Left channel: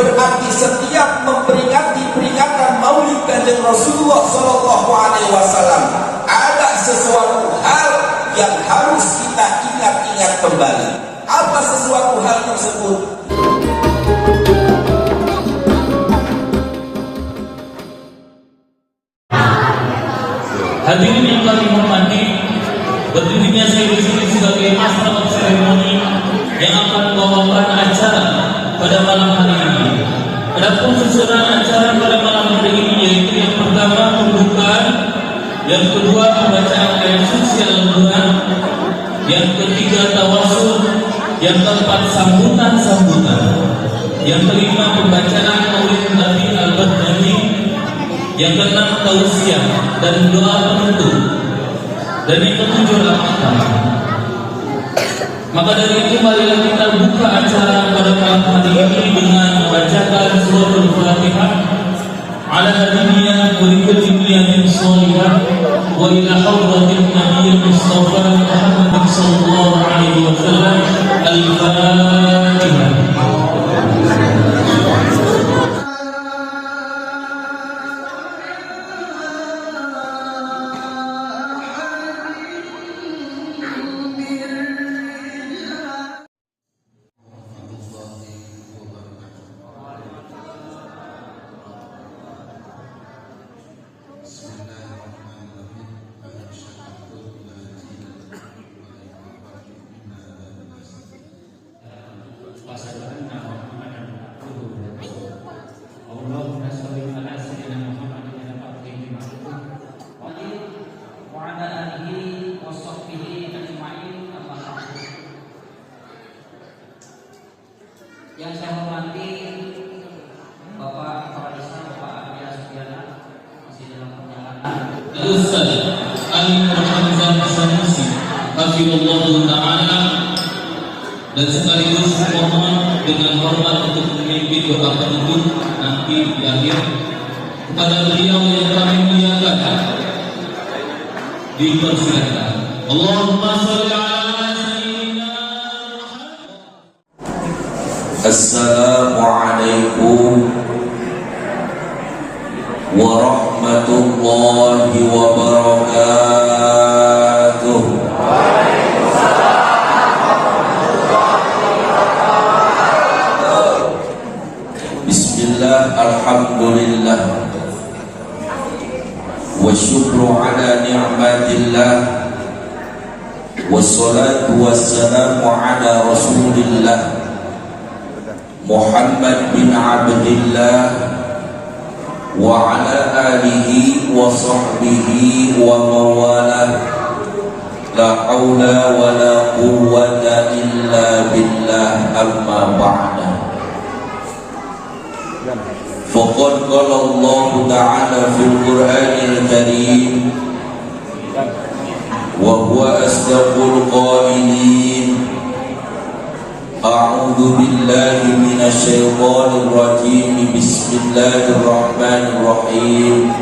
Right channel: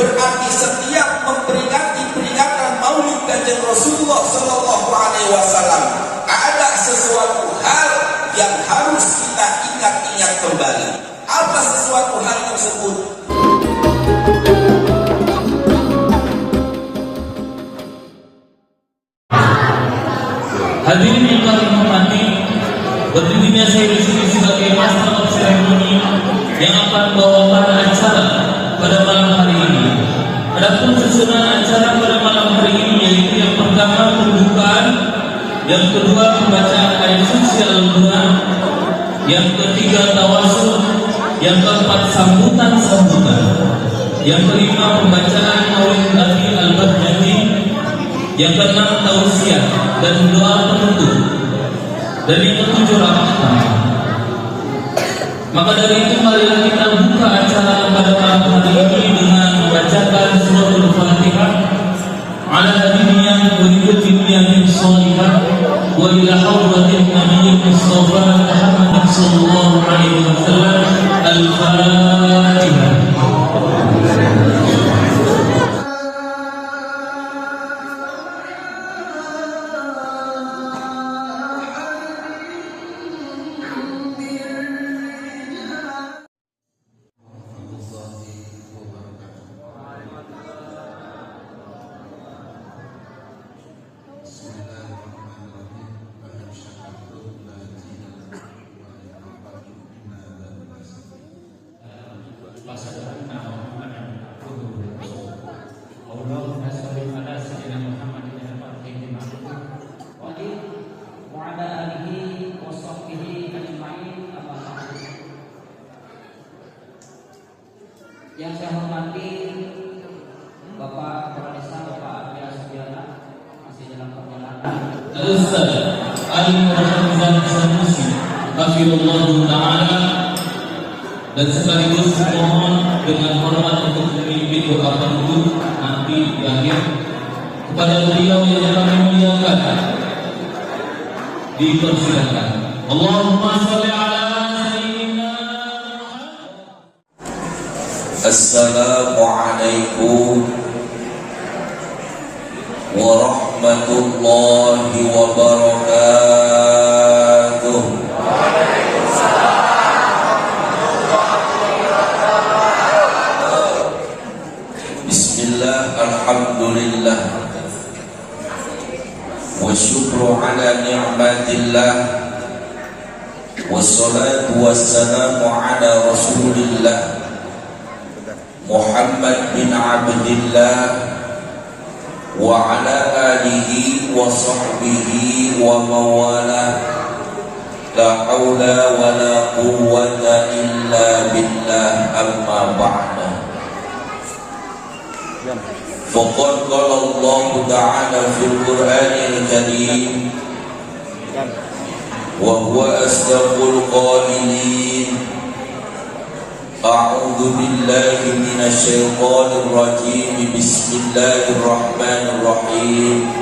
Berarti setiap memperingati peringatan Maulid Kanjeng Rasulullah Sallallahu Alaihi Wasallam ada sesuatu hal yang harus kita ingat-ingat kembali. Apa sesuatu hal tersebut? Hadirin yang kami hormati, berdirinya saya di sini sebagai master of ceremony yang akan membawakan acara pada malam hari ini. Adapun susunan acara pada malam hari ini yaitu yang pertama pembukaan, yang kedua pembacaan ayat suci Al-Quran, yang ketiga tawasul, yang keempat sambutan-sambutan, yang kelima pembacaan Maulid Nabi Al-Badri, yang keenam tausiah dan doa penutup, dan yang ketujuh rahmat. Maka dari itu marilah kita buka acara pada malam hari ini dengan membacakan surah Al-Fatihah ala nabiyina wa kulli sholihah wa ila hadratin nabiyil mustafa Muhammad sallallahu alaihi wasallam. Al-Fatihah. Yang saya hormati Bapak Kepala Desa Bapak Arya Subiana masih dalam perjalanan. Ustaz Ali Muhammad Sanusi Hafizullah Ta'ala, dan sekaligus mohon dengan hormat untuk memiliki doa penutup nanti di akhir kepada beliau yang kami muliakan. Dipersilakan. Allahumma sholli ala Assalamualaikum warahmatullahi wabarakatuh. Bismillah, alhamdulillah, wa syukru ala ni'matillah, wassalatu wassalamu ala rasulillah Muhammad bin Abdillah wa ala alihi wa sahbihi wa mawalah, la hawla wa la quwwata illa billah, amma ba'da. Faqad qala Allah ta'ala fil Qur'anil Karim wa huwa asdaqul qailin. A'udzu billahi minasy syaithanir rajim. Bismillahirrahmanirrahim.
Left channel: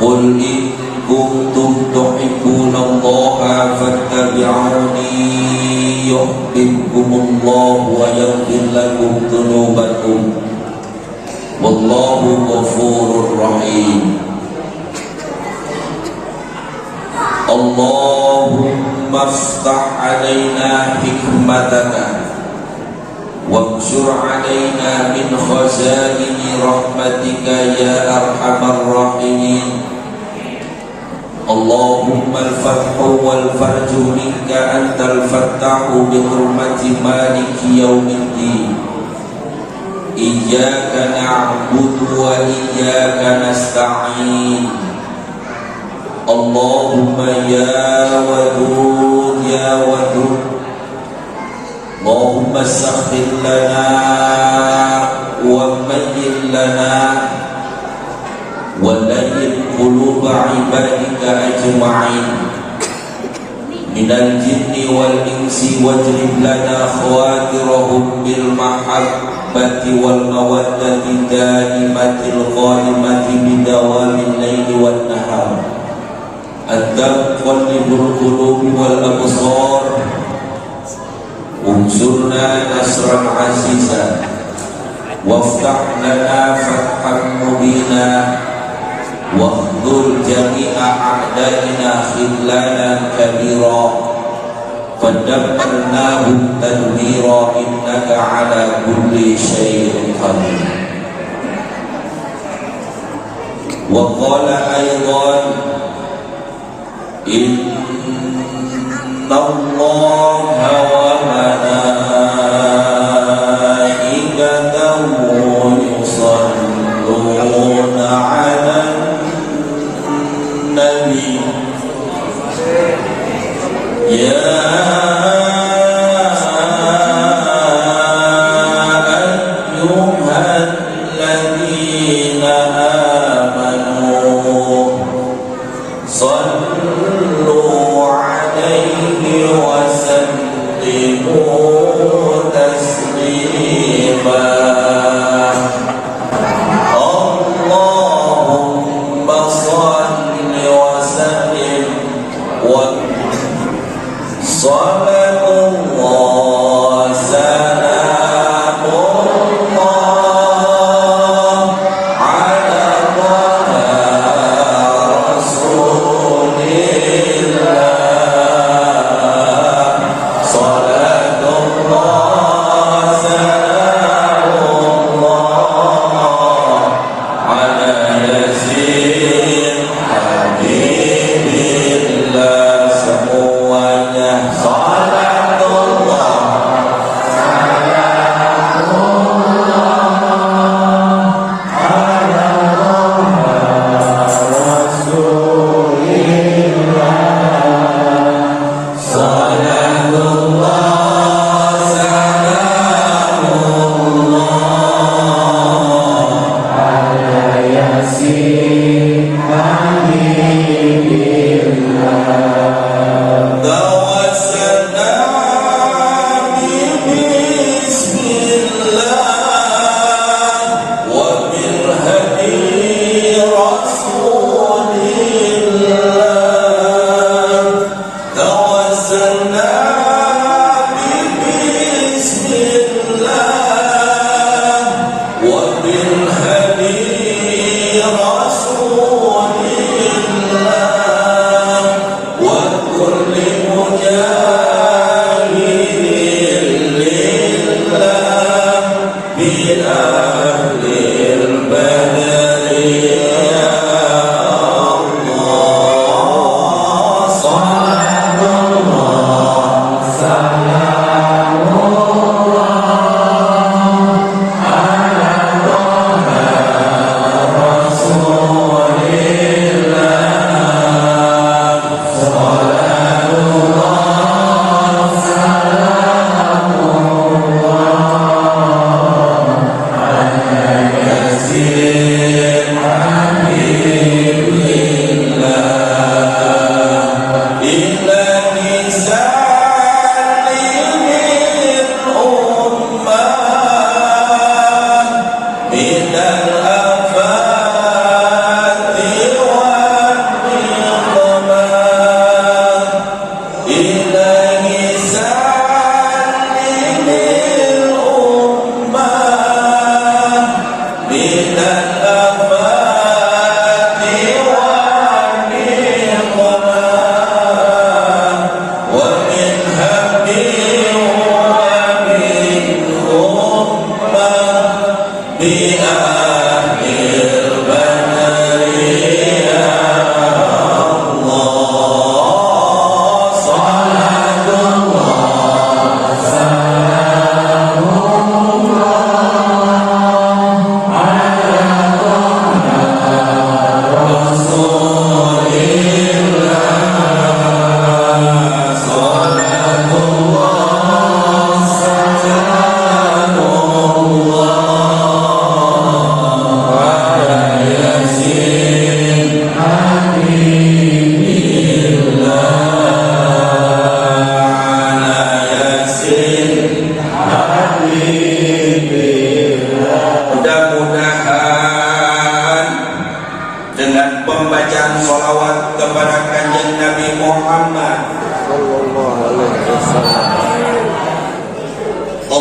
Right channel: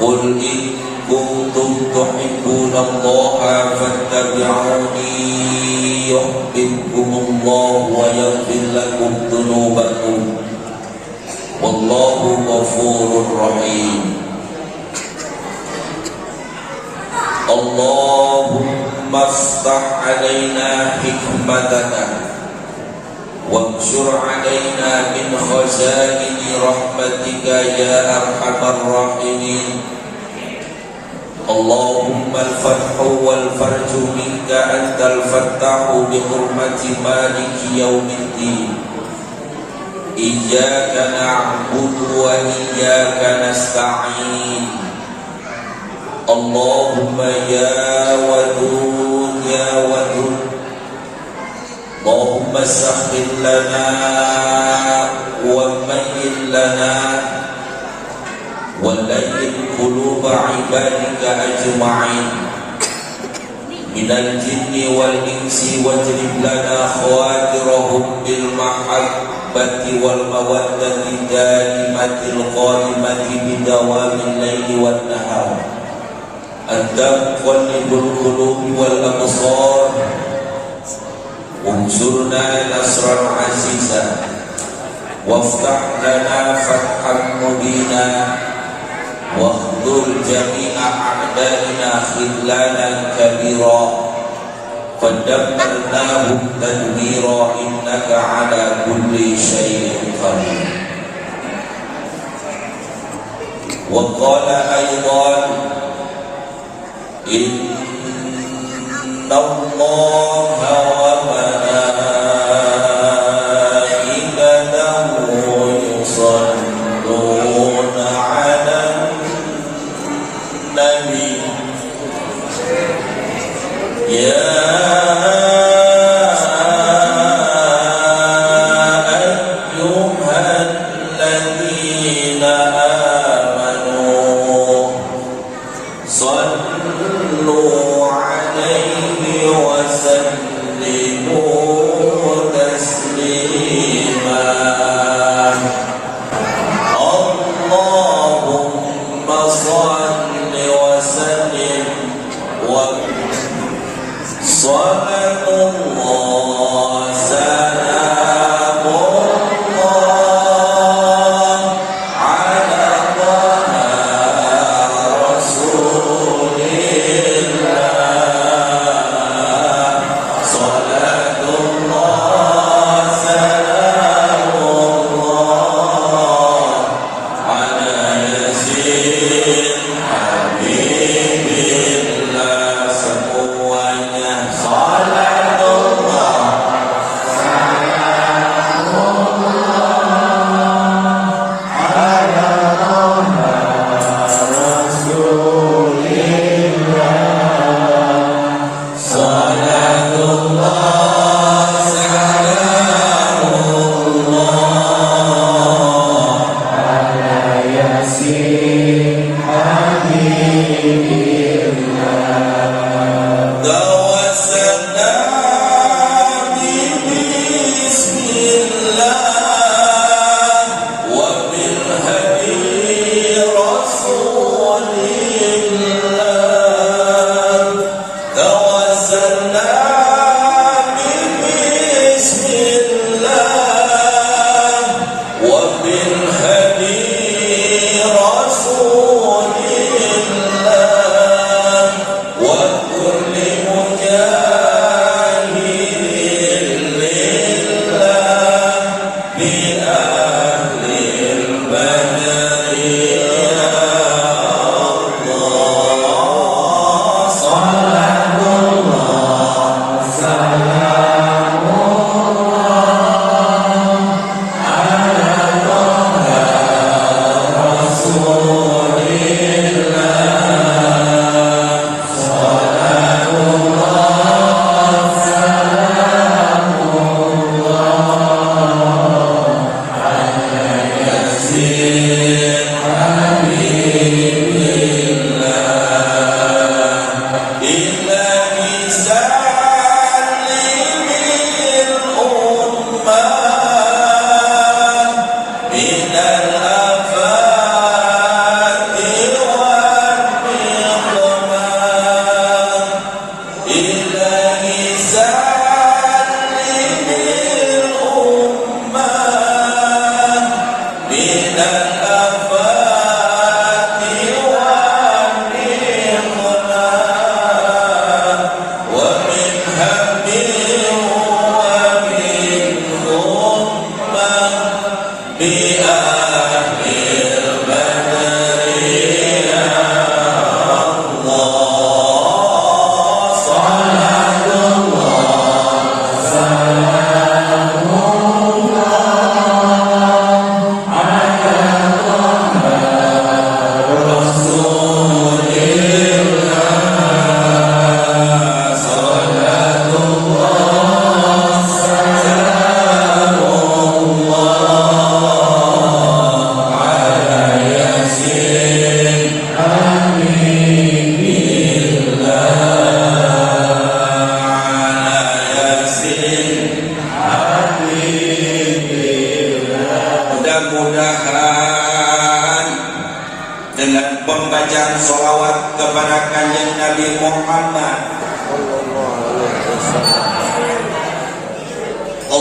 Qul in kuntum tuhibbunallaha fattabi'uni yuhibbukumullahu wa yaghfir lakum dzunubakum. Wallahu ghafurur rahim. Allahumma aftah alaina hikmataka wamshur alaina min khazaini rahmatika ya arhamar rahimin. Allahumma al-fathu wal farju minka antal fattahu bi hurmati maliki yaumiddin. Iyyaka na'budu wa iyyaka nasta'in. Allahumma ya wadud ya wadud, Allahumma sakhir lana wa mayyin lana wa layyin quluba ibadika ajma'in minal jinni wal insi wajlib lana khawatirahum bil mahabbati wal mawaddati daimatil qaimati bidawamil layli wan nahar. Anta muqallibul qulubi wal absar, unsurna nasran aziza وافتح لنا فتحا مبينا واخذل جميع أعدائنا خذلانا كبيرا فدمرناهم تدميرا إنك على كل شيء قدير. وقال أيضا إن الله وملائكته يصلون على النبي يا أيها الذين آمنوا صلوا عليه وسلموا تسليما. اللهم صل وسلم صلاة الله سلام الله على رسول الله صلاة الله سلام الله على ياسين حبيب الله semuanya salat Allah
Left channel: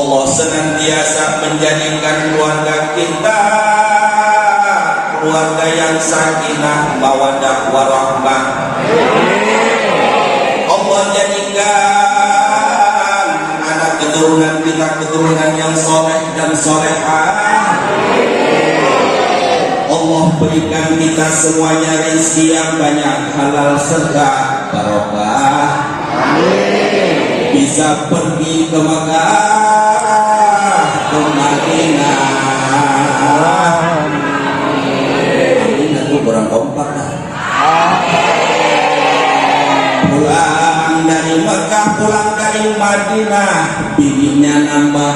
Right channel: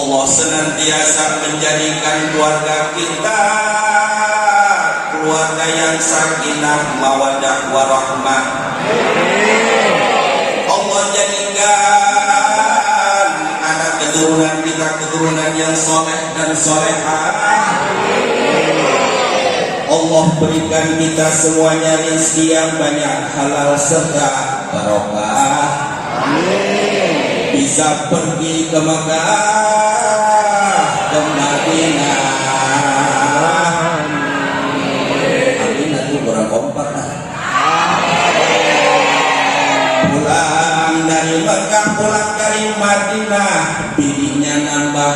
Allah senantiasa menjadikan keluarga kita keluarga yang sakinah, mawaddah, warahmah. Allah jadikan anak keturunan kita keturunan yang soleh dan solehah. Allah berikan kita semuanya rezeki yang banyak, halal serta barokah. Amin. Bisa pergi ke Makkah, ke Madinah. Amin. Itu orang kompak. Pulang dari Makkah, pulang dari Madinah, bibinya nambah.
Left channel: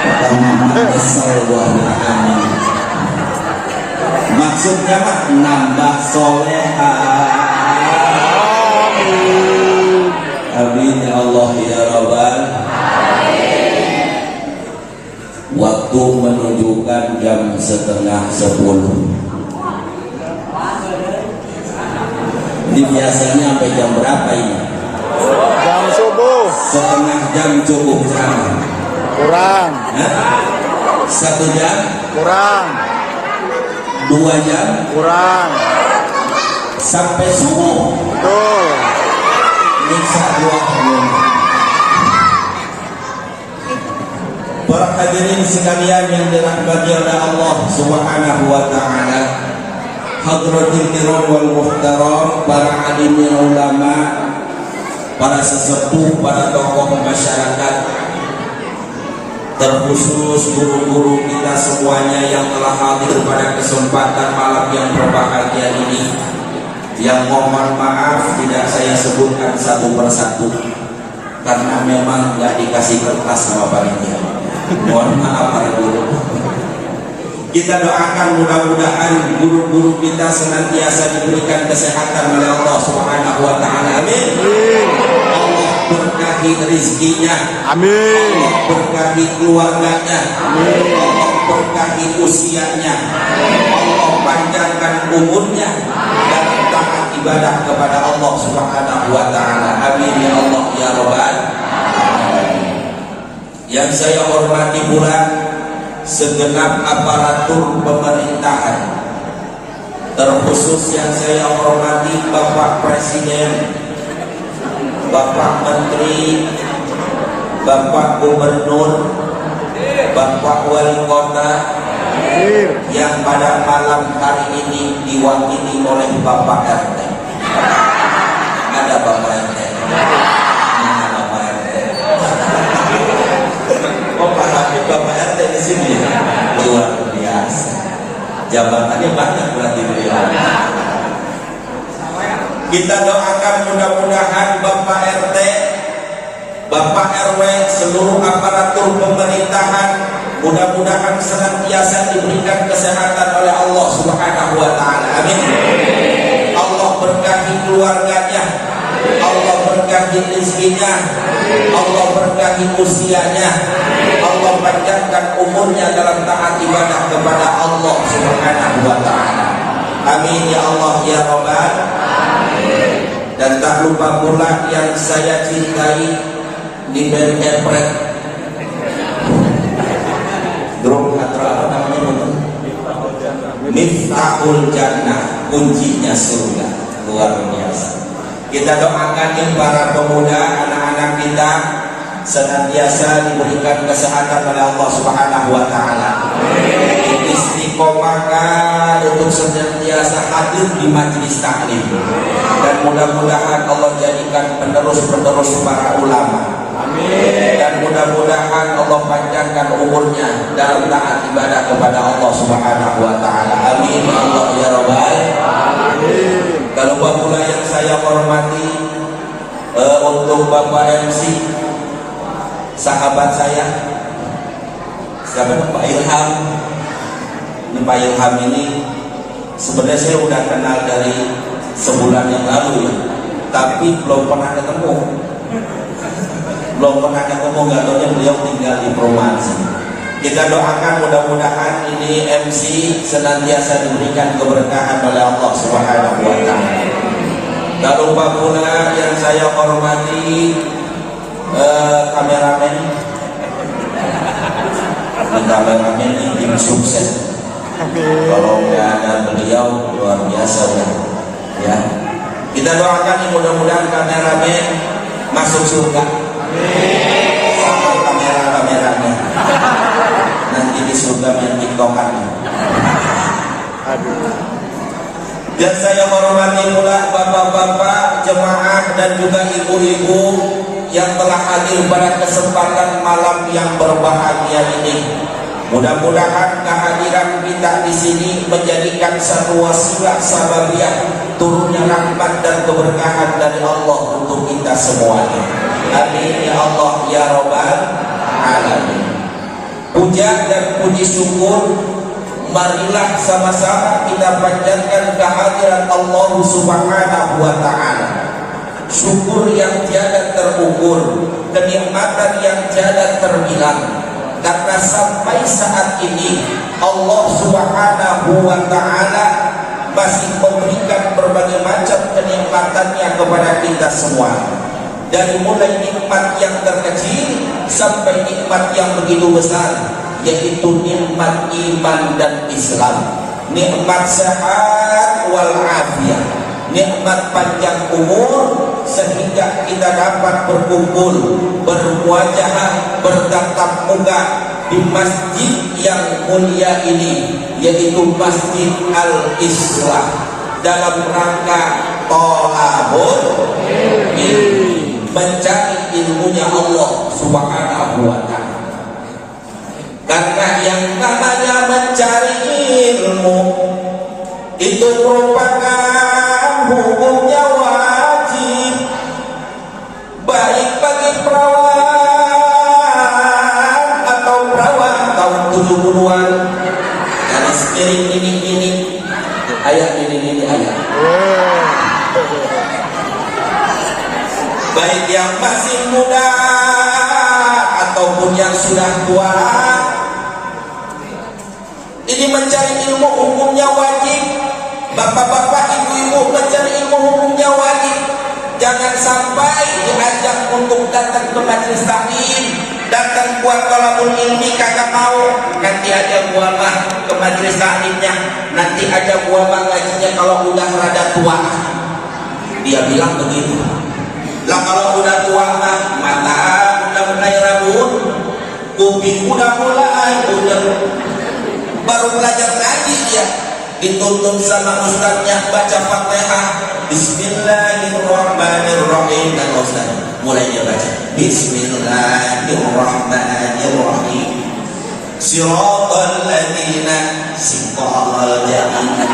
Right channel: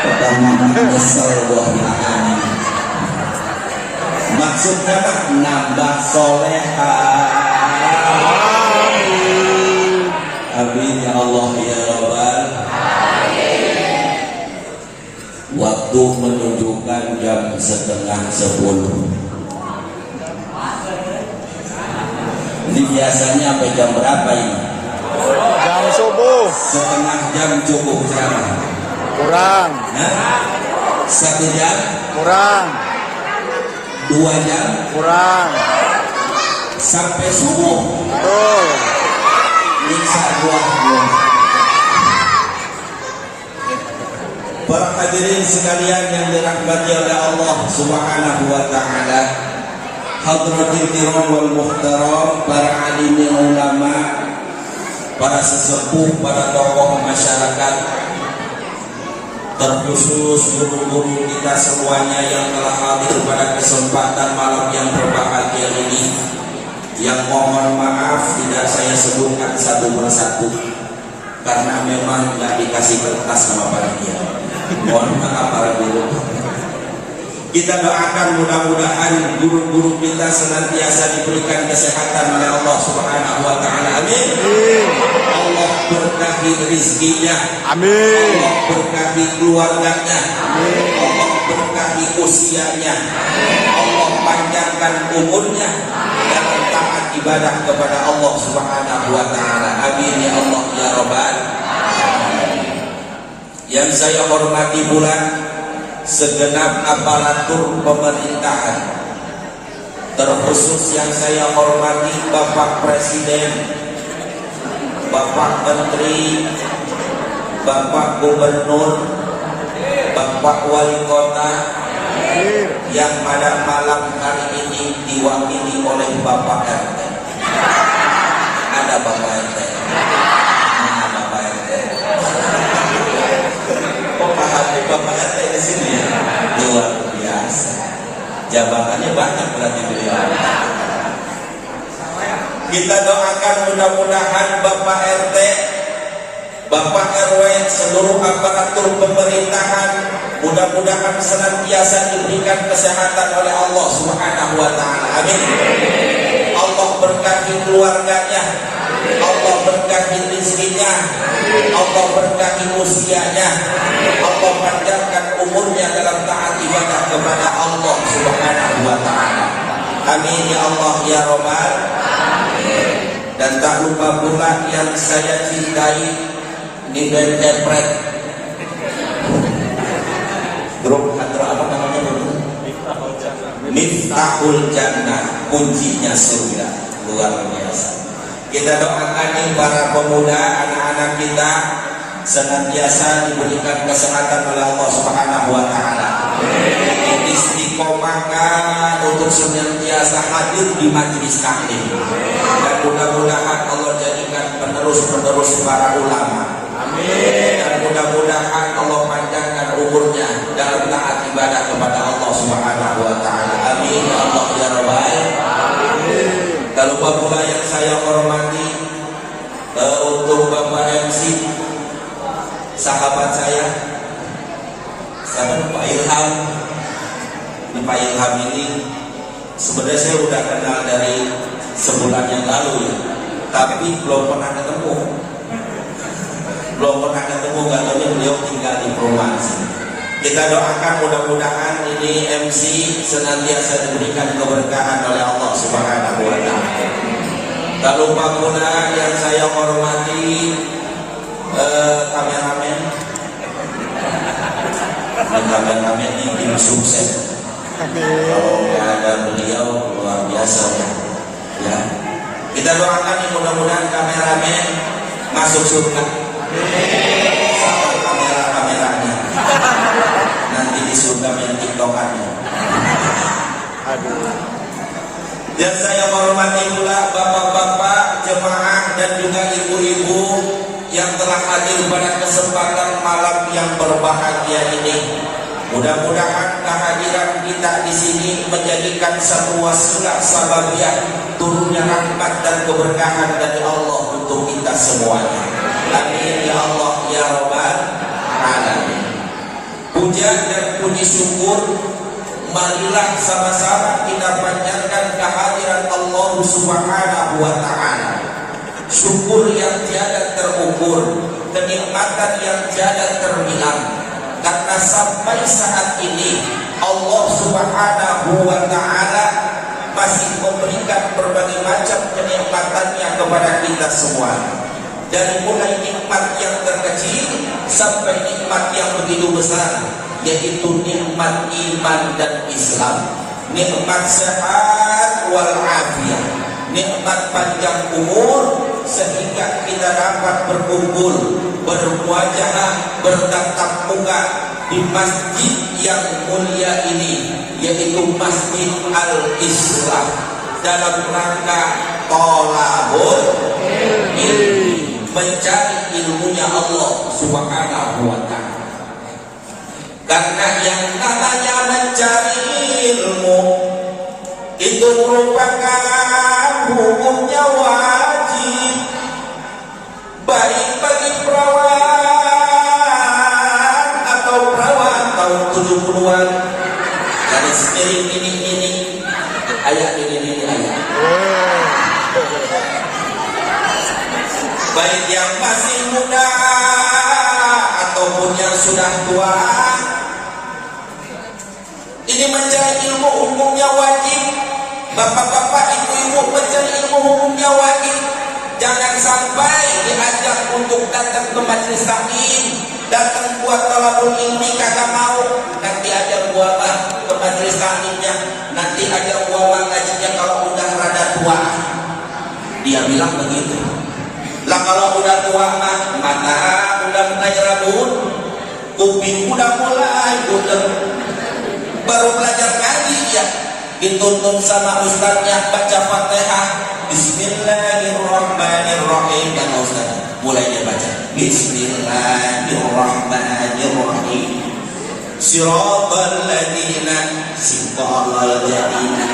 Pertama kesel wahya amin. Maksudnya nambah soleha. Amin ya Allah ya Rabbal. Waktu menunjukkan jam 9:30. Ini biasanya sampai jam berapa ini? Jam subuh. Setengah jam cukup ceramah. Kurang. Hah? 1 jam? Kurang. 2 jam? Kurang. Sampai subuh. Betul. Nyiksa ruahnya. Para hadirin sekalian yang dirahmati oleh Allah Subhanahu wa taala. Hadratil kiram wal muhtaram, para alim ulama, para sesepuh, para tokoh masyarakat, terkhusus guru-guru kita semuanya yang telah hadir pada kesempatan malam yang berbahagia ini, yang mohon maaf tidak saya sebutkan satu persatu karena memang nggak dikasih kertas sama panitia. Mohon maaf para guru. Kita doakan mudah-mudahan guru-guru kita senantiasa diberikan kesehatan oleh Allah Subhanahu wa taala. Amin. Allah berkahi rezekinya. Amin. Allah berkahi keluarganya. Amin. Allah berkahi usianya. Allah panjangkan umurnya dalam taat ibadah kepada Allah Subhanahu wa taala. Amin ya Allah ya Rabbal. Yang saya hormati pula segenap aparatur pemerintahan, terkhusus yang saya hormati Bapak Presiden, Bapak Menteri, Bapak Gubernur, Bapak Wali Kota, yang pada malam hari ini diwakili oleh Bapak RT. Ada Bapak RT. Ini Bapak RT. Bapak RT di sini luar biasa. Jabatannya banyak berarti beliau. Kita doakan mudah-mudahan Bapak RT, Bapak RW, seluruh aparatur pemerintahan mudah-mudahan senantiasa diberikan kesehatan oleh Allah Subhanahu wa taala. Amin. Allah berkahi keluarganya, Allah berkahi rezekinya, Allah berkahi usianya, Allah panjangkan umurnya dalam taat ibadah kepada Allah Subhanahu wa taala. Amin ya Allah ya Rabbal. Dan tak lupa pula yang saya cintai di interpret grup atau apa namanya, Miftahul Jannah, kuncinya surga. Luar biasa. Kita doakan yang para pemuda, anak-anak kita senantiasa diberikan kesehatan oleh Allah Subhanahu wa taala. Istiqomahkan untuk senantiasa hadir di majelis taklim. Dan mudah-mudahan Allah jadikan penerus-penerus para ulama. Amin. Dan mudah-mudahan Allah panjangkan umurnya dalam taat ibadah kepada Allah Subhanahu wa taala. Amin ya Allah ya Rabbal alamin. Kalau Bapak yang saya hormati, untuk Bapak MC, sahabat saya, siapa Pak Ilham. Ini Pak Ilham ini sebenarnya saya udah kenal dari sebulan yang lalu ya, tapi belum pernah ketemu. Nggak tahu beliau tinggal di Promasi. Kita doakan mudah-mudahan ini MC senantiasa diberikan keberkahan oleh Allah Subhanahu wa taala. Tak lupa pula yang saya hormati kameramen. Kameramen ini tim sukses. Kalau nggak ada beliau luar biasa ya. Kita doakan mudah-mudahan kameramen masuk surga. Sama kameranya. Nanti di surga yang tiktokannya. Aduh. Yang saya hormati pula bapak-bapak jemaah dan juga ibu-ibu yang telah hadir pada kesempatan malam yang berbahagia ini. Mudah-mudahan kehadiran kita di sini menjadikan satu wasilah sababiah turunnya rahmat dan keberkahan dari Allah untuk kita semuanya. Amin ya Allah ya Rabbal alamin. Puja dan puji syukur marilah sama-sama kita panjatkan kehadiran Allah Subhanahu wa taala. Syukur yang tiada terukur, kenikmatan yang tiada terbilang. Karena sampai saat ini Allah Subhanahu wa taala masih memberikan berbagai macam kenikmatannya kepada kita semua. Dari mulai nikmat yang terkecil sampai nikmat yang begitu besar, yaitu nikmat iman dan Islam, nikmat sehat wal afiat, nikmat panjang umur sehingga kita dapat berkumpul, bermuajahah, bertatap muka di masjid yang mulia ini, yaitu Masjid Al-Islah, dalam rangka thalabul ilmi, mencari ilmunya Allah Subhanahu wa ta'ala. Karena yang namanya mencari ilmu itu merupakan hukumnya wajib, baik bagi perawan atau perawan tahun 70-an, garis miring ini ayat ini ayat. Baik yang masih muda ataupun yang sudah tua, ini mencari ilmu hukumnya wajib. Bapak-bapak, ibu-ibu, mencari ilmu hukumnya wajib. Jangan sampai diajak untuk datang ke majelis taklim, datang buat thalabul ilmi kagak mau. Nanti aja gua mah ke majelis taklimnya, nanti aja gua mah ngajinya kalau udah rada tua. Dia bilang begitu. Lah kalau udah tua mah mata udah mulai rabun, kuping udah mulai udah baru belajar ngaji dia, dituntun sama ustaznya baca Fatihah, Bismillahirrahmanirrahim, dan ustaz mulai dia baca Bismillahirrahmanirrahim, Siratal ladzina siratal ladzina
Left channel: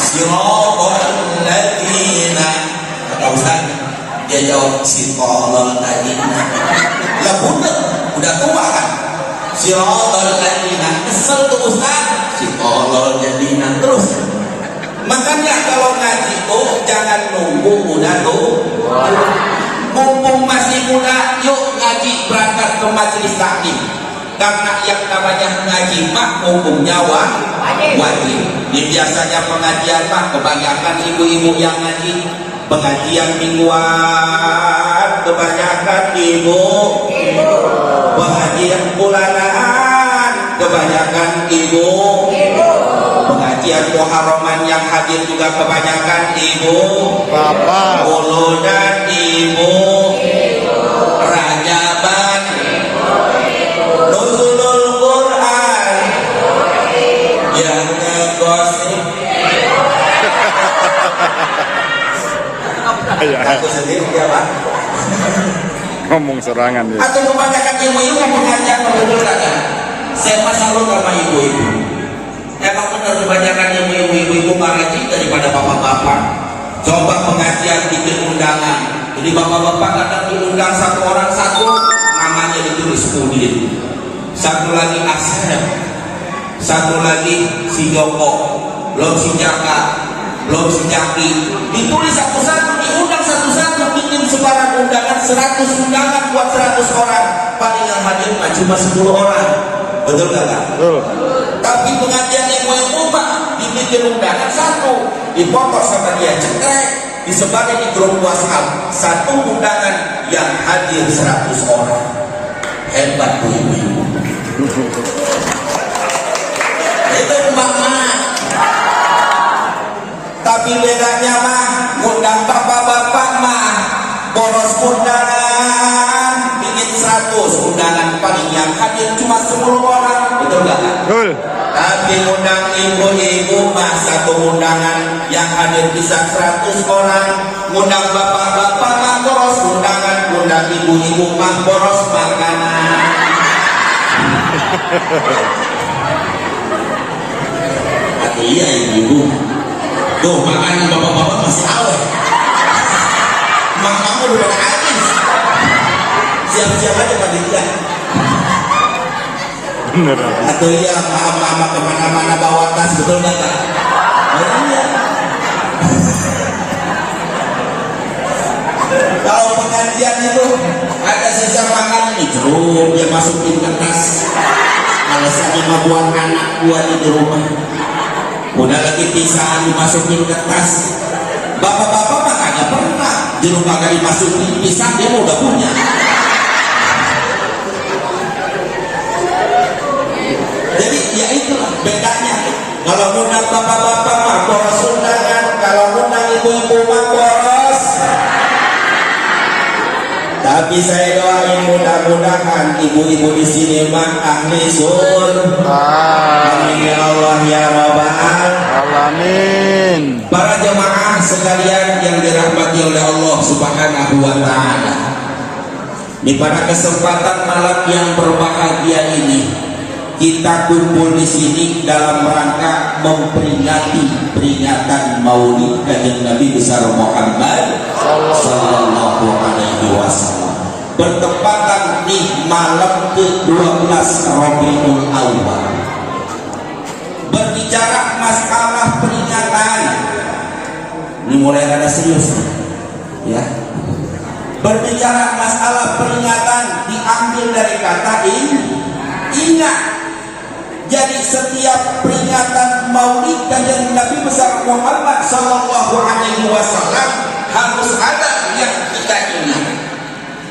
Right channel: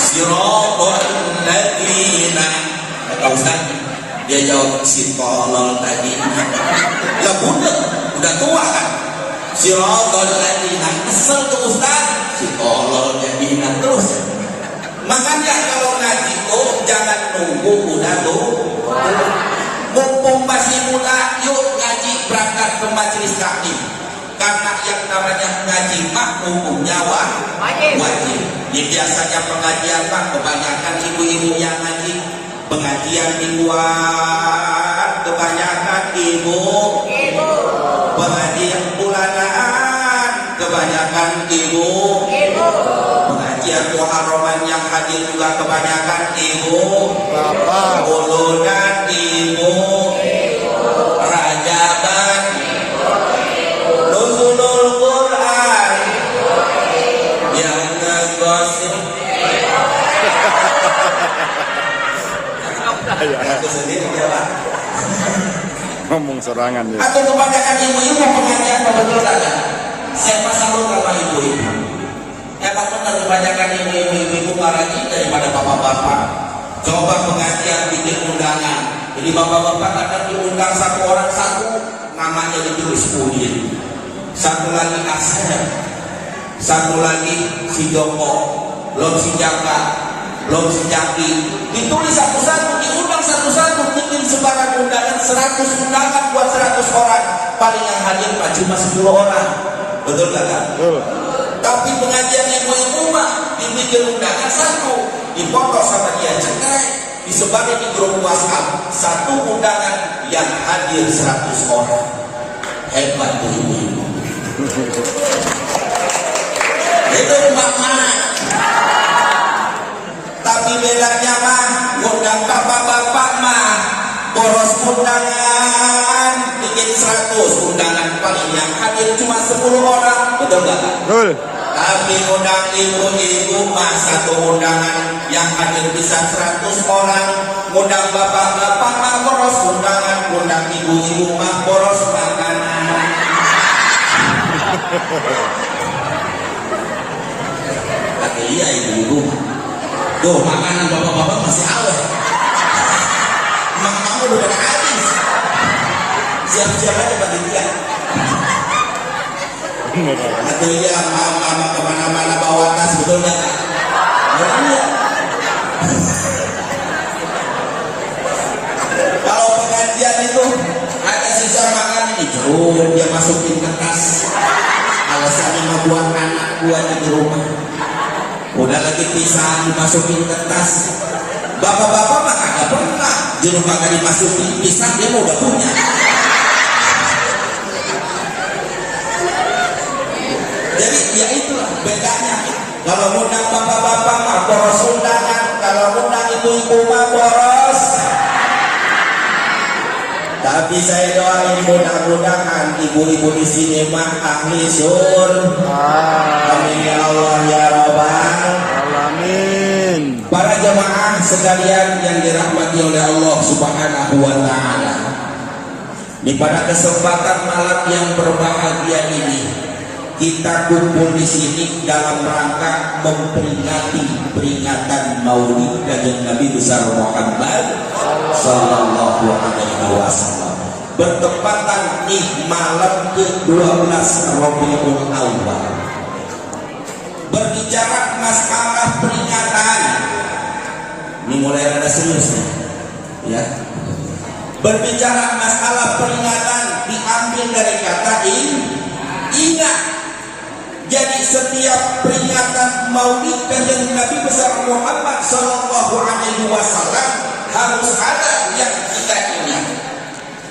siratal ladzina. Kata ustaz, dia jawab siratal ladzina. Lah udah tua kan? Siratal ladzina, kesel tuh ustaz, siratal ladzina terus. Makanya kalau ngaji tuh jangan nunggu udah tuh. Mumpung masih muda, yuk ngaji, berangkat ke majelis taklim. Karena yang namanya ngaji mah hukumnya wajib. Di biasanya pengajian mah kebanyakan ibu-ibu yang ngaji. Pengajian mingguan kebanyakan ibu. Pengajian bulanan kebanyakan ibu. Pengajian muharraman yang hadir juga kebanyakan ibu. Bapak. Ulunan ibu. Rajaban. Nuzulul Quran. Yang ngegosip. Aku sendiri ya Pak. Ngomong serangan ya. Atau kebanyakan ibu-ibu pengajian kebetulan. Saya masalah sama ibu-ibu. Emang benar kebanyakan ibu-ibu ngaji daripada bapak-bapak. Coba pengajian bikin undangan. Jadi bapak-bapak kadang diundang satu orang satu, namanya ditulis Udin. Satu lagi Asep. Satu lagi si Joko. Belum si Jaka. Belum si Jaki. Ditulis satu-satu, diundang satu-satu, bikin sebarang undangan 100 undangan buat 100 orang. Paling yang hadir cuma 10 orang. Betul gak? Betul. Tapi pengajian yang mulai rumah dibikin undangan satu, dipotong sama dia cekrek, disebarkan di grup WhatsApp, satu undangan yang hadir 100 orang. Hebat tuh ibu-ibu. Itu emak-emak. Tapi bedanya mah ngundang bapak-bapak mah boros undangan bikin 100 undangan, paling yang hadir cuma 10 orang, betul gak? Betul. Tapi undang ibu-ibu mah satu undangan yang hadir bisa 100 orang. Undang bapak-bapak mah boros undangan, undang ibu-ibu mah boros makanan. Atau iya ibu-ibu, tuh makanan bapak-bapak masih awet. Mak-mak udah habis. Siap-siap aja bagi dia. Bener. Atau iya mama kemana-mana bawa tas, betul nggak Kak? Iya. Kalau pengajian itu ada sisa makan ini jeruk, dia masukin ke tas. Alasannya mau buat anak buat di rumah. Udah lagi pisang dimasukin ke tas. Bapak-bapak mah kagak pernah jeruk kagak dimasukin pisang, dia mau udah punya. Jadi ya itulah bedanya. Kalau ngundang bapak-bapak mah boros undangan, kalau ngundang ibu-ibu mah boros. Tapi saya doain mudah-mudahan ibu-ibu di sini mah ahli sur. Amin ya Allah ya Rabbal Alamin. Para jemaah sekalian yang dirahmati oleh Allah Subhanahu wa taala. Di pada kesempatan malam yang berbahagia ini, kita kumpul di sini dalam rangka memperingati peringatan Maulid Kanjeng Nabi besar Muhammad sallallahu alaihi wasallam. Bertepatan di malam ke-12 Rabiul Awal. Berbicara masalah peringatan. Ini mulai rada serius nih. Ya. Berbicara masalah peringatan diambil dari kata ingat. Jadi setiap peringatan Maulid Kanjeng Nabi besar Muhammad sallallahu alaihi wasallam harus ada yang kita ingat.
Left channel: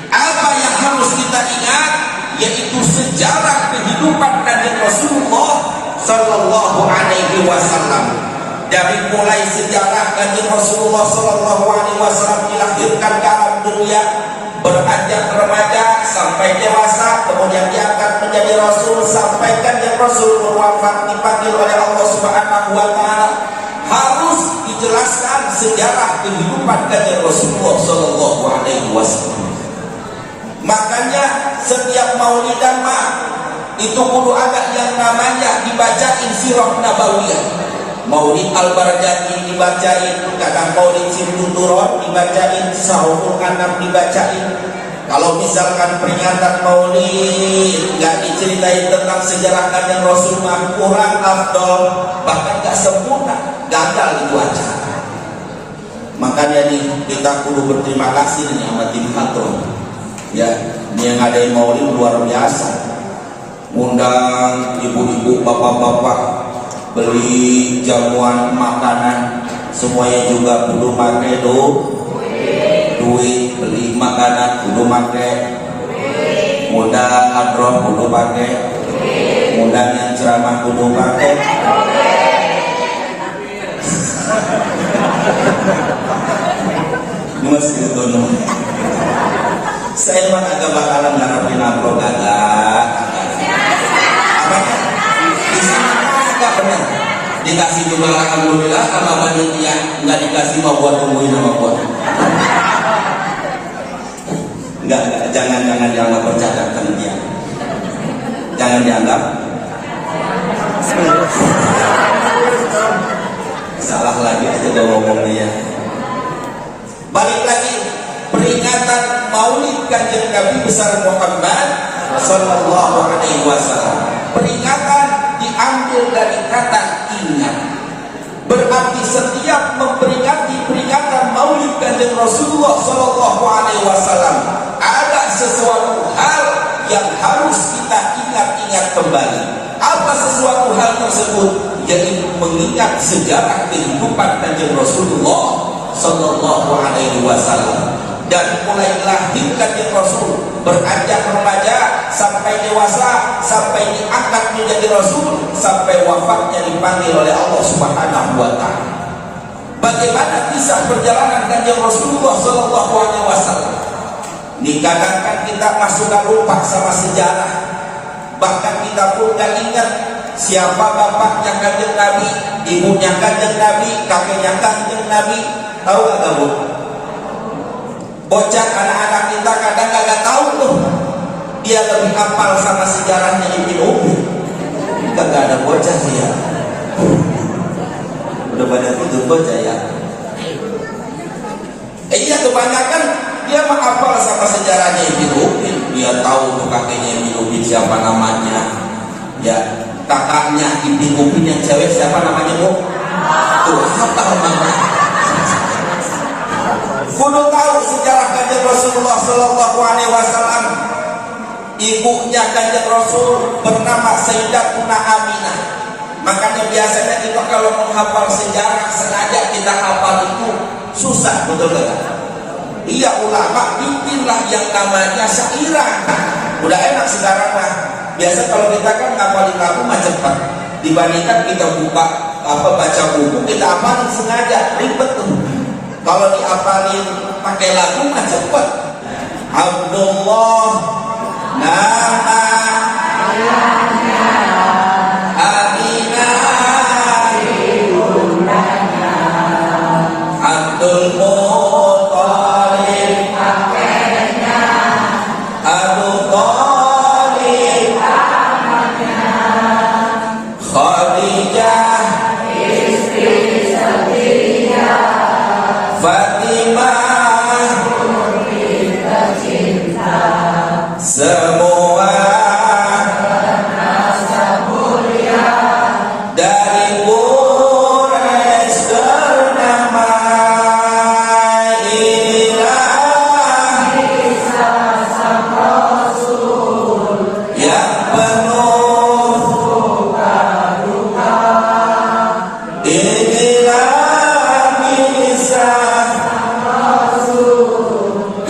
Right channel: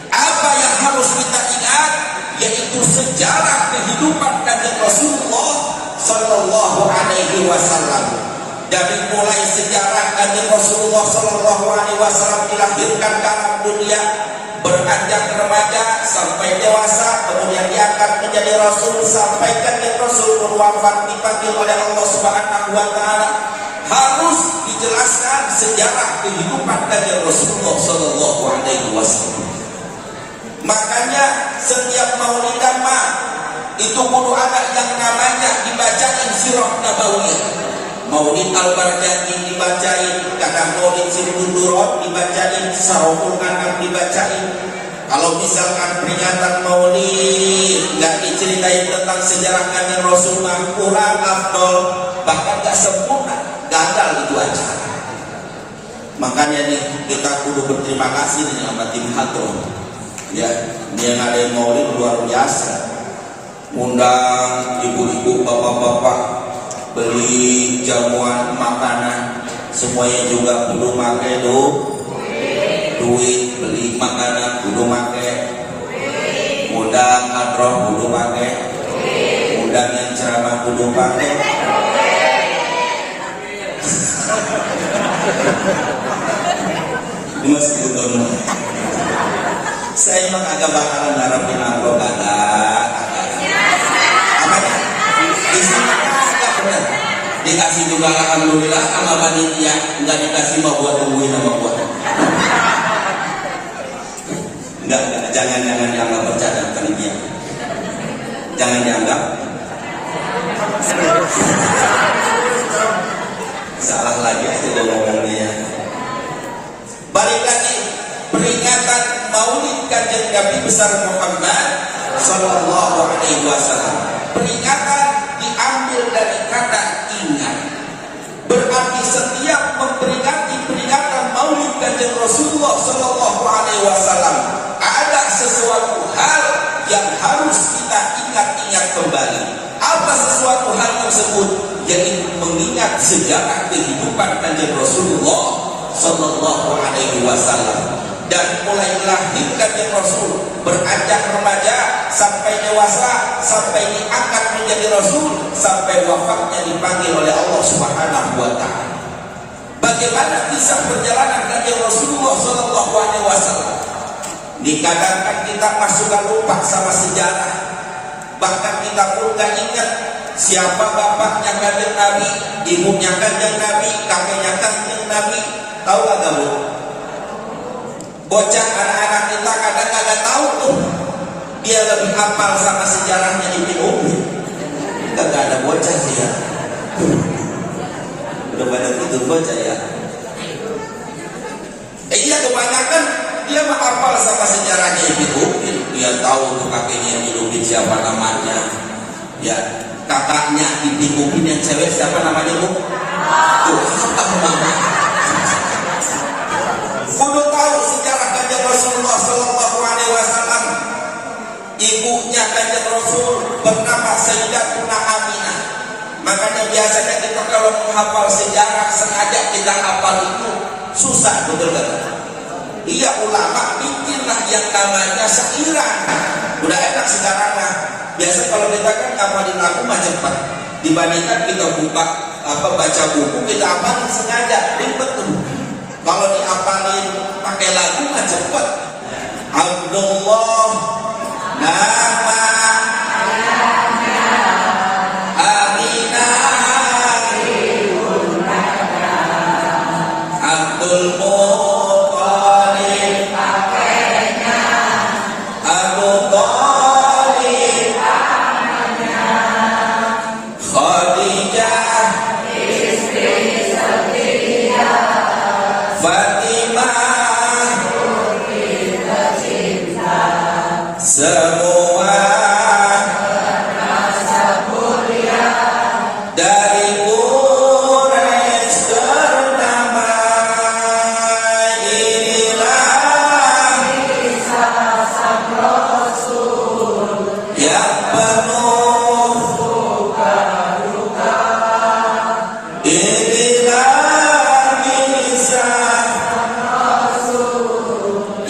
Apa yang harus kita ingat? Yaitu sejarah kehidupan Kanjeng Rasulullah sallallahu alaihi wasallam. Dari mulai sejarah Kanjeng Rasulullah sallallahu alaihi wasallam dilahirkan dalam dunia, beranjak remaja sampai dewasa, kemudian diangkat menjadi rasul sampai Kanjeng Rasul berwafat dipanggil oleh Allah Subhanahu wa taala. Harus dijelaskan sejarah kehidupan Kanjeng Rasulullah sallallahu alaihi wasallam. Makanya setiap maulidan mah itu kudu ada yang namanya dibacain sirah nabawiyah. Maulid Al-Bardati dibacain, kadang Maulid Sirbuturon dibacain, Sahurul Anam dibacain. Kalau misalkan peringatan Maulid nggak diceritain tentang sejarah Kanjeng Rasul, kurang afdol, bahkan nggak sempurna, gagal itu acara. Makanya nih kita kudu berterima kasih nih sama tim Hatron. Ya, ini yang ada Maulid luar biasa. Undang ibu-ibu, bapak-bapak, beli jamuan makanan, semuanya juga kudu pakai duit, beli makanan kudu pakai, undang hadroh kudu pakai, undang yang ceramah kudu pakai. Mas gitu dong. Saya mah agak bakalan ngarepin amplop agak. Apanya? Di sini agak benar. Dikasih juga alhamdulillah, sama panitia nggak dikasih mau buat tungguin sama gua. Enggak, jangan bercanda panitia. Jangan dianggap salah lagi itu ngomong dia. Balik lagi, peringatan Maulid Kanjeng Nabi besar Muhammad sallallahu alaihi wasallam. Peringatan diambil dari kata ingat. Berarti setiap memperingati peringatan Maulid Kanjeng Rasulullah sallallahu alaihi wasallam ada sesuatu hal yang harus kita ingat-ingat kembali. Apa sesuatu hal tersebut? Yaitu mengingat sejarah kehidupan Kanjeng Rasulullah Sallallahu Alaihi Wasallam. Dan mulai lahir kanjeng Rasul, beranjak remaja sampai dewasa, sampai diangkat menjadi Rasul, sampai wafatnya dipanggil oleh Allah Subhanahu wa Ta'ala. Bagaimana kisah perjalanan kanjeng Rasulullah Sallallahu Alaihi Wasallam? Dikatakan kita masukkan lupa sama sejarah, bahkan kita pun gak ingat siapa bapaknya kanjeng Nabi, ibunya kanjeng Nabi, kakeknya kanjeng Nabi. Tahu gak tahu? Bocah anak-anak kita kadang gak tahu tuh. Dia lebih hafal sama sejarahnya Ibnu Umi. Kita gak ada bocah ya. Udah pada tidur bocah ya. Iya, kebanyakan dia menghafal sama sejarahnya Ibnu Umi. Dia tahu kakeknya Ibnu Umi siapa namanya. Ya, kakaknya Ibnu Umi yang cewek siapa namanya Bu? Tuh, apa namanya? Kudu tahu sejarah kanjeng Rasulullah Sallallahu Alaihi Wasallam. Ibunya kanjeng Rasul bernama Sayyidatuna Aminah. Makanya biasanya kita kalau menghafal sejarah sengaja kita hafal itu susah, betul kan? Iya, ulama bikinlah yang namanya syairan. Udah enak sekarang mah. Biasa kalau kita kan ngapalin lagu mah cepat. Dibandingkan kita buka baca buku, kita hafalin sengaja ribet tuh. Kalau diapalin pakai lagu mah cepet. Abdullah nama Aminah Abdul Muttalib Abu Thalib Khadijah Fatimah, semua dari Quraisy ternama. Inilah kisah sang Rasul yang penuh suka duka. Inilah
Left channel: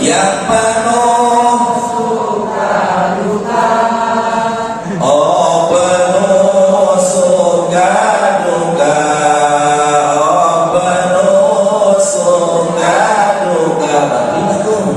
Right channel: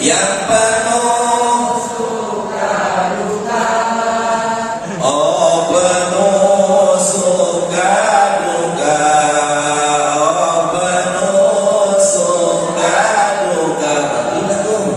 yang penuh suka duka, oh penuh suka duka, oh penuh suka duka. Bagaimana tuh?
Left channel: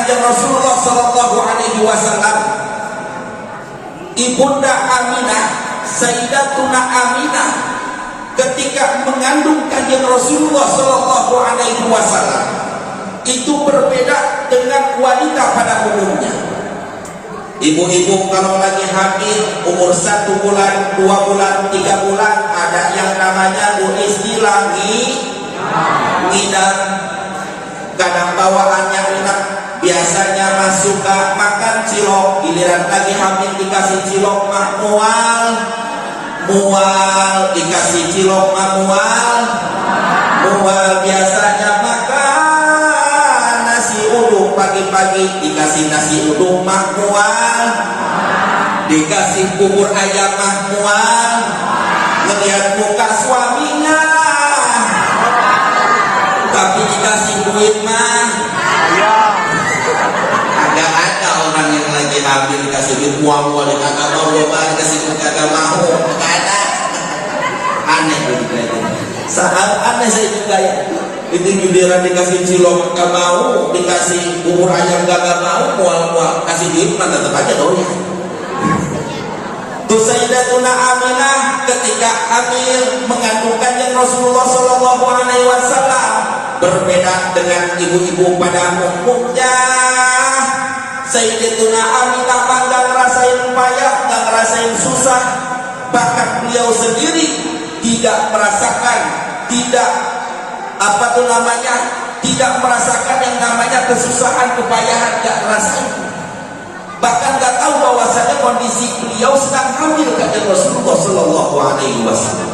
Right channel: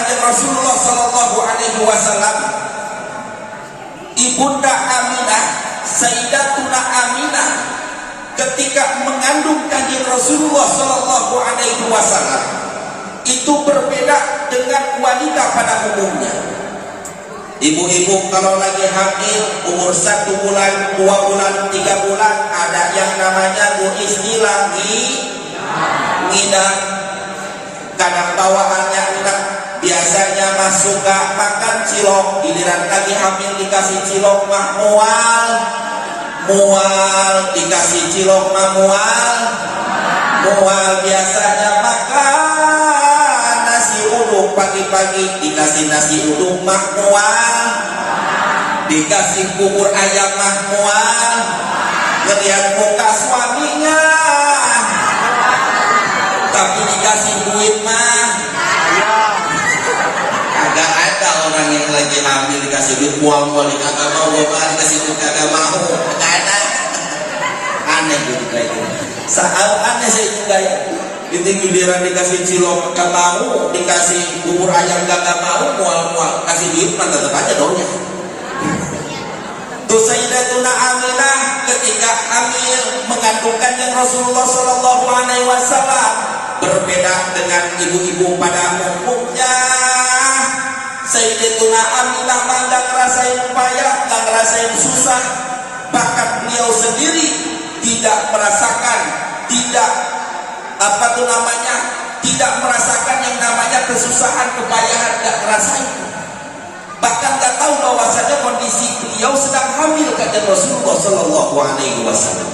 Rohatil Rasulullah Sallallahu Alaihi Wasallam Ibunda Aminah, Sayyidatuna Aminah, ketika mengandung kanjeng Rasulullah Shallallahu Alaihi Wasallam itu berbeda dengan wanita pada umumnya. Ibu-ibu kalau lagi hamil umur 1 bulan, 2 bulan, 3 bulan, ada yang namanya istilah ngidam. Kadang bawaannya enak, biasanya mah suka makan cilok, giliran lagi hamil dikasih cilok mah mual, dikasih cilok mah mual, biasanya makan nasi uduk pagi-pagi, dikasih nasi uduk mah mual, dikasih bubur ayam mah mual, ngelihat muka suaminya, tapi dikasih duit mah agak ada orang yang lagi hamil dikasih duit uang boleh kagak mau, dikasih duit kagak mau, ada aneh juga itu. Sangat aneh saya juga ya. Itu giliran dikasih cilok gak mau, dikasih bubur ayam gak mau, mual kasih duit mah tetap aja dong ya. Sayyidatuna Aminah ketika hamil mengandungkan yang Rasulullah Shallallahu Alaihi Wasallam berbeda dengan ibu-ibu pada umumnya. Sayyidatuna Aminah nggak ngerasain payah, nggak ngerasain susah, bahkan beliau sendiri tidak merasakan, tidak merasakan yang namanya kesusahan, kepayahan, nggak ngerasain. Bahkan nggak tahu bahwasanya kondisi beliau sedang hamil kanjeng Rasulullah Shallallahu Alaihi Wasallam.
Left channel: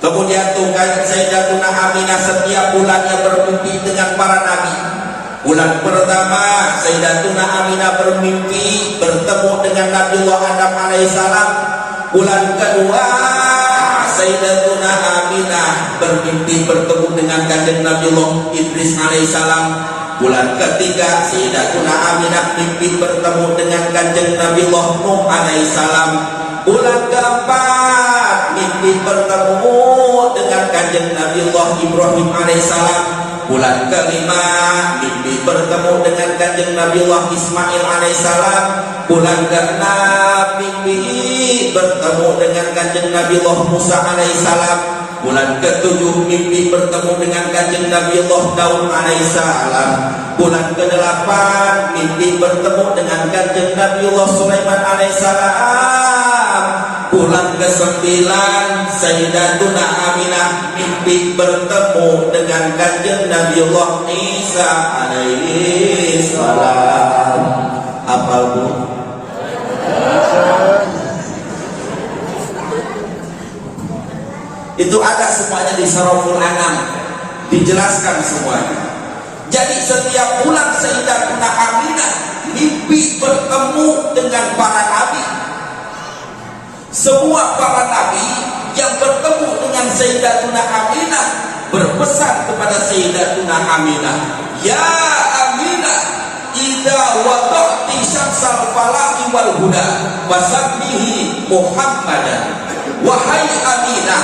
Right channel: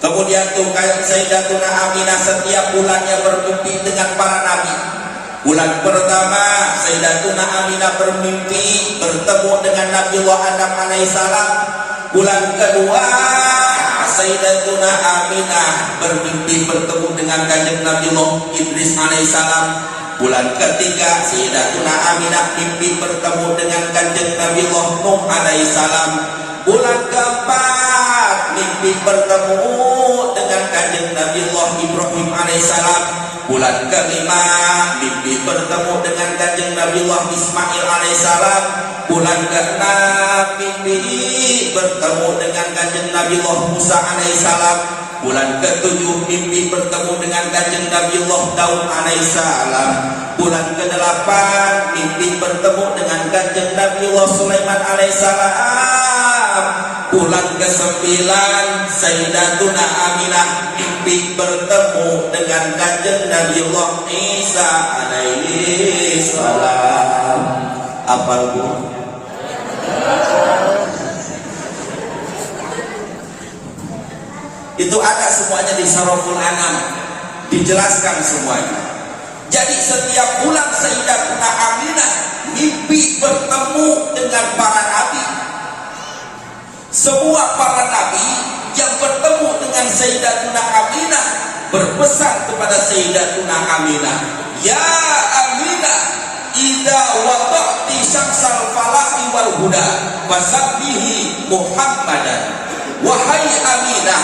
Kemudian tuh Sayyidatuna Aminah setiap bulannya bermimpi dengan para nabi. Bulan pertama Sayyidatuna Aminah bermimpi bertemu dengan Nabiullah Adam alaihissalam. Bulan kedua Sayyidatuna Aminah bermimpi bertemu dengan kanjeng Nabiullah Idris alaihissalam. Bulan ketiga Sayyidatuna Aminah mimpi bertemu dengan kanjeng Nabiullah Nuh alaihissalam. Bulan keempat mimpi bertemu dengan kanjeng Nabiullah Ibrahim alaihissalam. Bulan kelima mimpi bertemu dengan kanjeng Nabiullah Ismail alaihissalam. Bulan keenam mimpi bertemu dengan kanjeng Nabiullah Musa alaihissalam. Bulan ketujuh mimpi bertemu dengan kanjeng Nabiullah Daud alaihissalam. Bulan ke-8 mimpi bertemu dengan kanjeng Nabiullah Sulaiman alaihissalam. Bulan ke-9 Sayyidatuna Aminah mimpi bertemu dengan kanjeng Nabiullah Isa alaihissalam. Apal bu? Itu ada semuanya di Surahul An'am, dijelaskan semuanya. Jadi setiap bulan Sayyidatuna Aminah mimpi bertemu dengan para nabi. Semua para nabi yang bertemu dengan Sayyidatuna Aminah berpesan kepada Sayyidatuna Aminah, ya Aminah, idza wada'ti syamsal falahi wal huda fasabbihi Muhammadan. Wahai Aminah,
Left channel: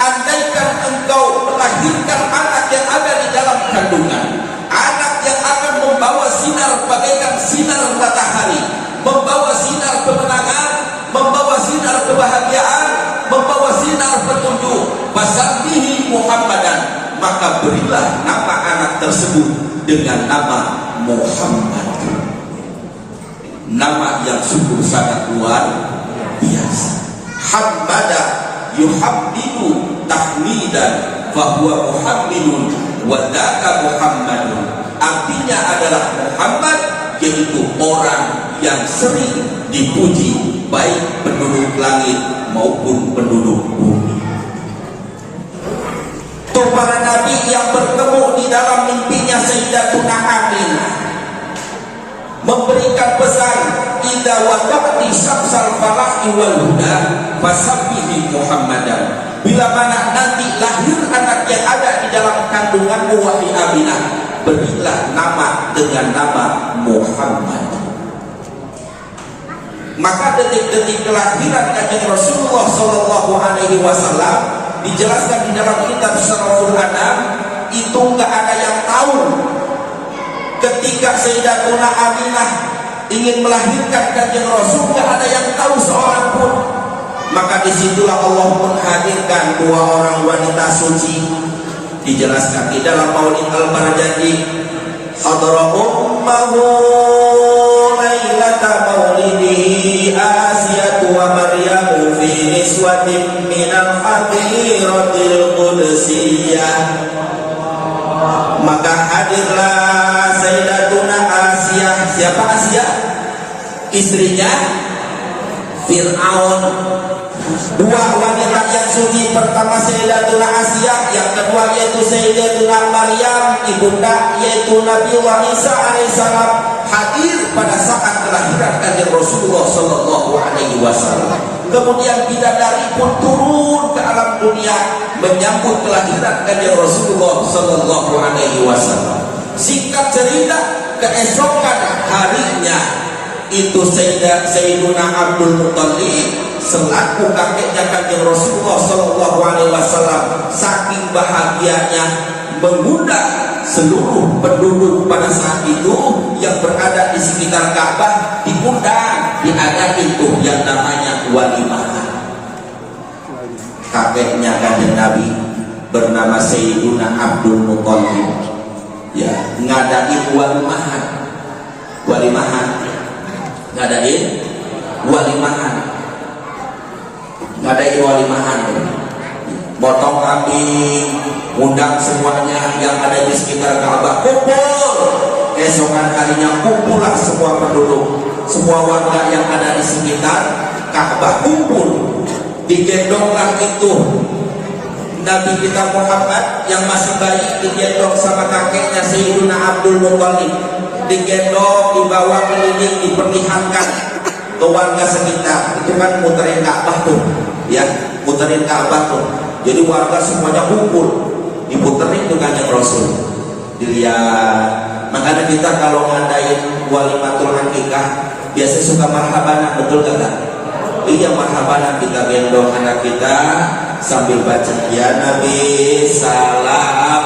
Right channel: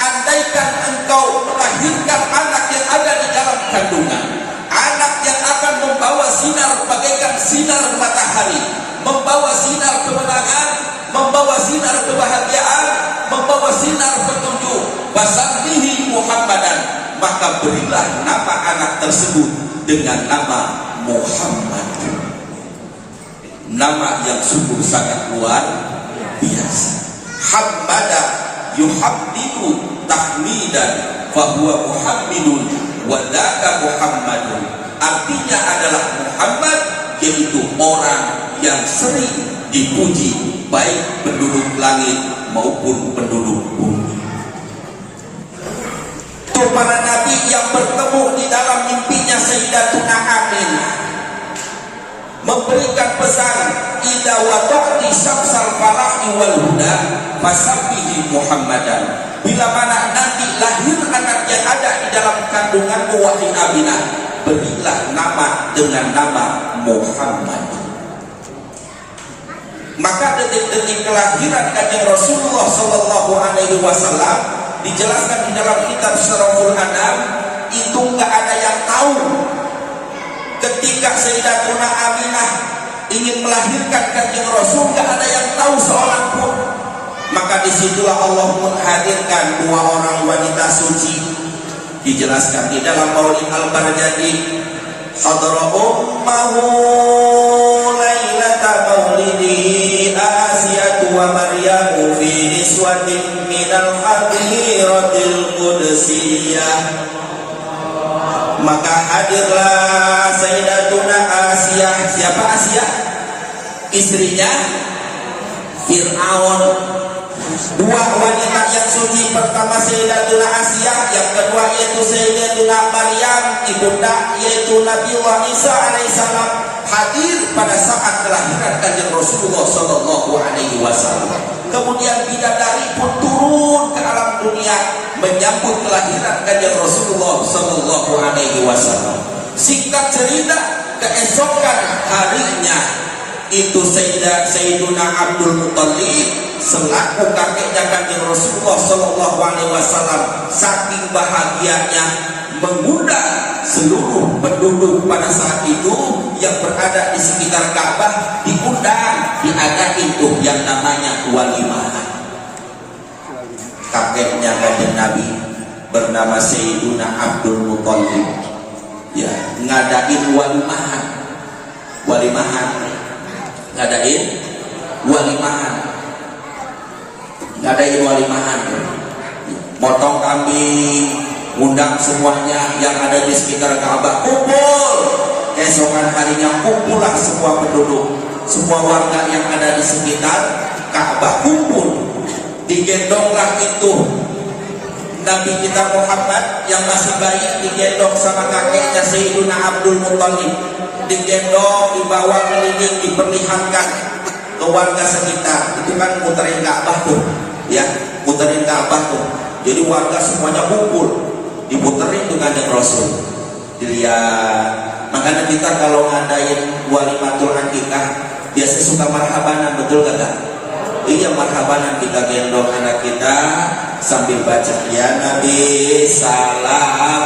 andaikan engkau melahirkan anak yang ada di dalam kandungan, anak yang akan membawa sinar bagaikan sinar matahari, membawa sinar kemenangan, membawa sinar kebahagiaan, membawa sinar petunjuk, fasabbihi Muhammadan, maka berilah nama anak tersebut dengan nama Muhammad, nama yang sungguh sangat luar biasa. Hamada yuhammidu tahmidan fahuwa muhammidun wadaka Muhammadun. Artinya adalah Muhammad, yaitu orang yang sering dipuji baik penduduk langit maupun penduduk bumi. Itu para nabi yang bertemu di dalam mimpinya Sayyidatuna Aminah memberikan pesan, idza wada'ti syamsal falahi wal huda fasabbihi Muhammadan. Bila mana nanti lahir anak yang ada di dalam kandunganmu wahai Aminah, berilah nama dengan nama Muhammad. Maka detik-detik kelahiran kanjeng Rasulullah Shallallahu Alaihi Wasallam dijelaskan di dalam kitab Surahul An'am, itu nggak ada yang tahu. Ketika Sayyidatuna Aminah ingin melahirkan kanjeng Rasul, nggak ada yang tahu seorang pun. Maka disitulah Allah menghadirkan dua orang wanita suci. Dijelaskan di dalam Maulid Al-Bardadi, hadara ummahu lailata maulidi Asiyatu wa Maryamu fi niswatin minal hadiratil qudsiyah. Maka hadirlah Sayyidatuna Asiyah. Siapa Asiyah? Istrinya Fir'aun. Dua wanita yang suci, pertama Sayyidatuna Asiyah, yang kedua yaitu Sayyidatuna Maryam, ibunda yaitu Nabi Isa alaihissalam, hadir pada saat kelahiran kanjeng Rasulullah sallallahu alaihi wasallam. Kemudian bidadari pun turun ke alam dunia menyambut kelahiran kanjeng Rasulullah sallallahu alaihi wasallam. Singkat cerita, keesokan harinya itu Sayyiduna Abdul Muttalib selaku kakeknya kanjeng Rasulullah sallallahu alaihi wasallam saking bahagianya mengundang seluruh penduduk pada saat itu yang berada di sekitar Ka'bah, diundang, diadain tuh yang namanya walimah. Kakeknya kanjeng Nabi bernama Sayyiduna Abdul Muttalib, ya, ngadain walimahan, ngadain walimahan, potong kambing, undang semuanya yang ada di sekitar Ka'bah kumpul. Esokan harinya kumpullah semua penduduk, semua warga yang ada di sekitar Ka'bah kumpul. Digendonglah itu Nabi kita Muhammad yang masih bayi, digendong sama kakeknya Sayyiduna Abdul Muttalib, digendong, dibawa keliling, diperlihatkan ke warga sekitar. Itu kan muterin Ka'bah tuh, ya, muterin Ka'bah tuh. Jadi warga semuanya kumpul, diputerin dengan yang Rasul, dilihat. Makanya kita kalau ngadain walimatul akikah biasa suka marhaban, betul kata? Iya, marhaban, kita gendong anak kita sambil baca ya Nabi salam,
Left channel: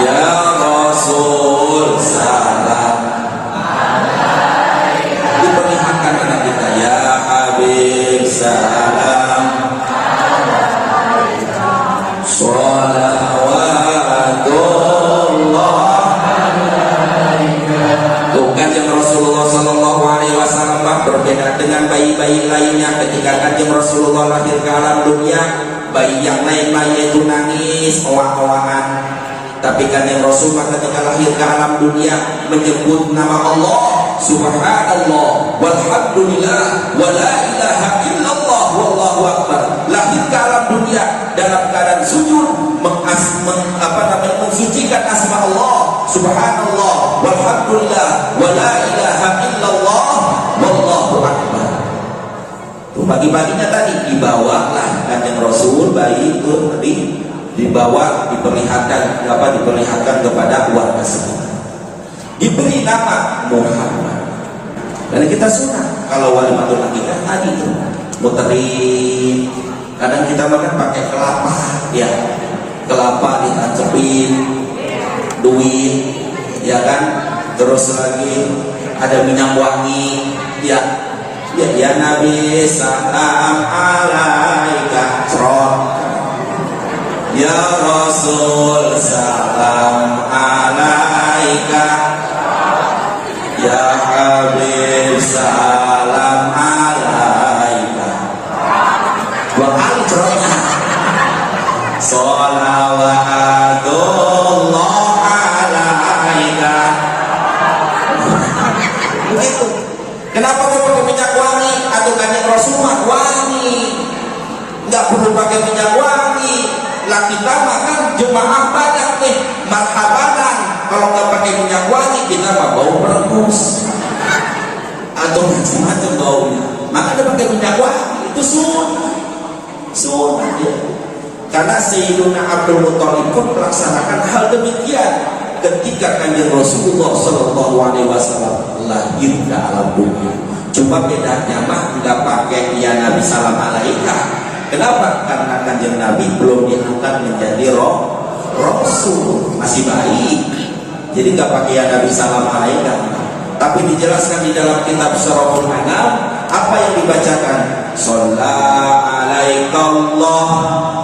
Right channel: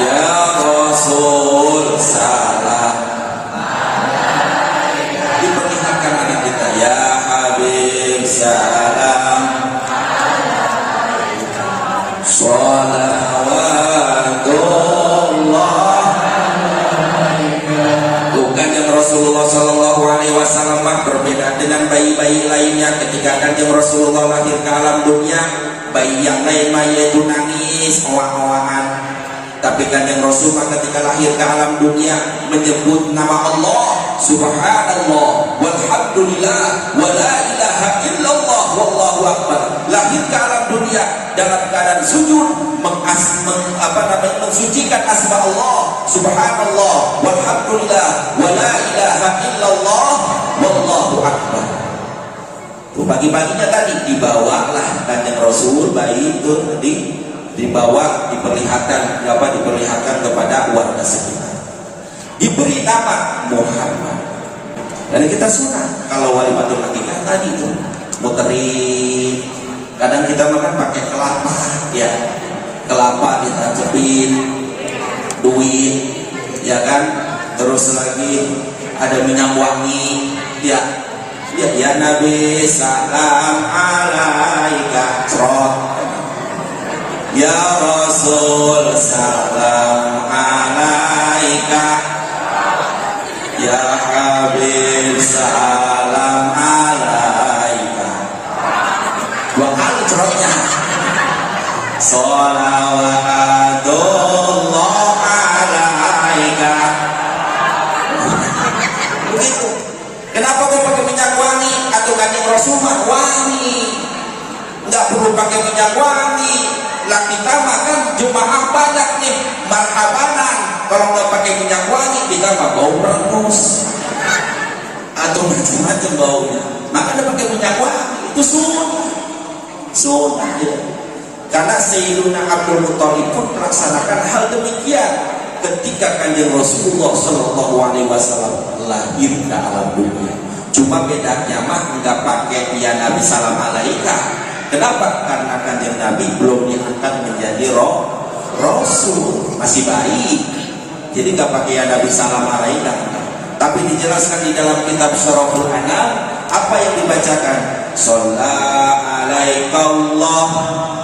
ya Rasul salam, diperlihatkan anak kita ya Habib salam, sholawatullah. Bukan yang Rasulullah sallallahu alaihi wasallam berbeda dengan bayi-bayi lainnya. Ketika kanjeng Rasulullah lahir ke alam dunia, bayi yang lain-lain itu nangis, oang-oangan. Tapi kanjeng Rasulullah ketika lahir ke alam dunia menyebut nama Allah, subhanallah, walhamdulillah, wa la ilaha illallah, wallahu akbar. Lahir ke alam dunia dalam keadaan sujud, mensucikan asma Allah, subhanallah, walhamdulillah, wa la ilaha illallah, wallahu akbar. Pagi-paginya tadi dibawalah kanjeng Rasul, bayi itu dibawa, diperlihatkan kepada warga sekitar. Diberi nama Muhammad. Dan kita suka kalau walimatul akikah tadi itu muterin. Kadang kita makan pakai kelapa, ya, kelapa ditancapin, duit, ya kan. Terus lagi ada minyak wangi, ya. Ya Nabi salam alaika cerot, ya Rasul salam alaika, ya Habib salam alaika. Dua kali cerotnya. Sholawatullah alaika. Begitu. Kenapa tuh pakai minyak wangi? Atau kanjeng Rasulullah wangi, nggak perlu pakai minyak wangi. Laki lama kan jemaah banyak nih, marhabanan. Kalau nggak pakai minyak wangi, kita mah bau merebus atau macam-macam baunya. Makanya pakai minyak wangi itu sunnah, ya. Karena Sayyiduna Abdul Muttalib pun melaksanakan hal demikian ketika kanjeng Rasulullah sallallahu alaihi wasallam lahir ke alam dunia. Cuma bedanya mah nggak pakai ya Nabi salam alaika. Kenapa? Karena kanjeng Nabi belum diangkat menjadi Rasul, masih bayi. Jadi nggak pakai ya Nabi salam alaika. Tapi dijelaskan di dalam kitab Syarahul Anam apa yang dibacakan. Shalla alaikallahu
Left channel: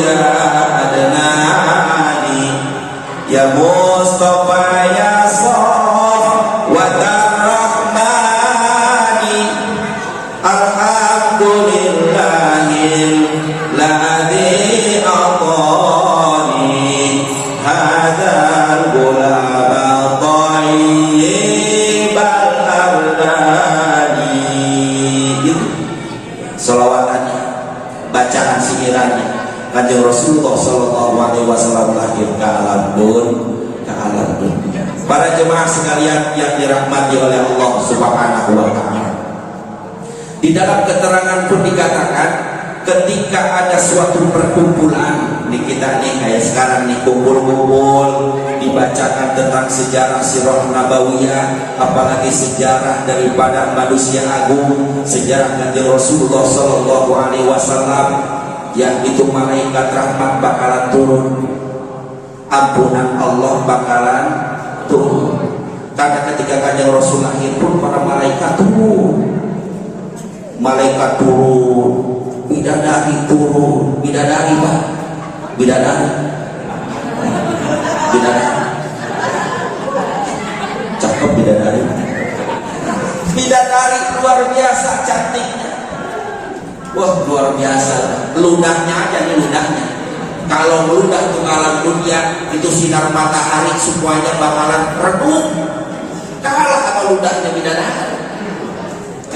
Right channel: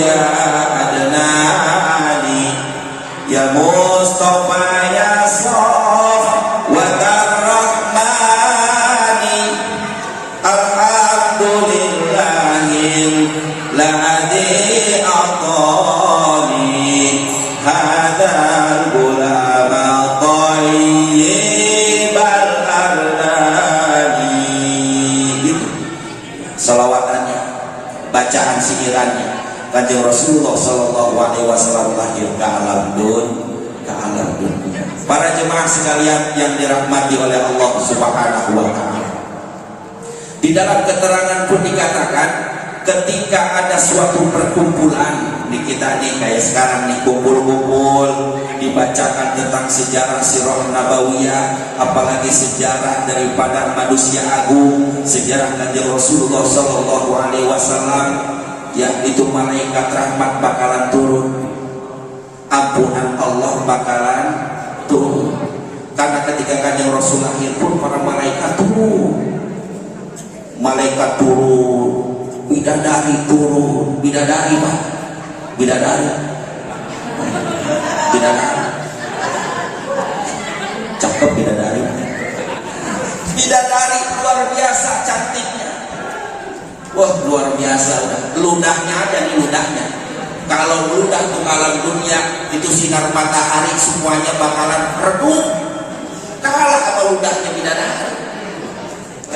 ya adnani ya Mustafa ya Saf wa darrahmani alhamdulillahil ladzi atani hadal gulama thayyibal ardani. Sholawatannya, bacaan singirannya Kanjeng Rasulullah Sallallahu Alaihi Wasallam lahir ke alam dunia. Para jemaah sekalian yang dirahmati oleh Allah Subhanahu Wa Taala, di dalam keterangan pun dikatakan ketika ada suatu perkumpulan di kita nih kayak sekarang nih kumpul-kumpul dibacakan tentang sejarah sirah nabawiyah, apalagi sejarah daripada manusia agung, sejarah Kanjeng Rasulullah Sallallahu Alaihi Wasallam, yang itu malaikat rahmat bakalan turun, ampunan Allah bakalan turun. Karena ketika Kanjeng Rasul lahir pun para malaikat turun, bidadari turun, bidadari Pak, bidadari cakep, bidadari luar biasa cantiknya. Wah luar biasa, ludahnya aja nih ludahnya. Kalau ludah ke alam dunia itu sinar matahari semuanya bakalan redup, kalah sama ludahnya bidadari.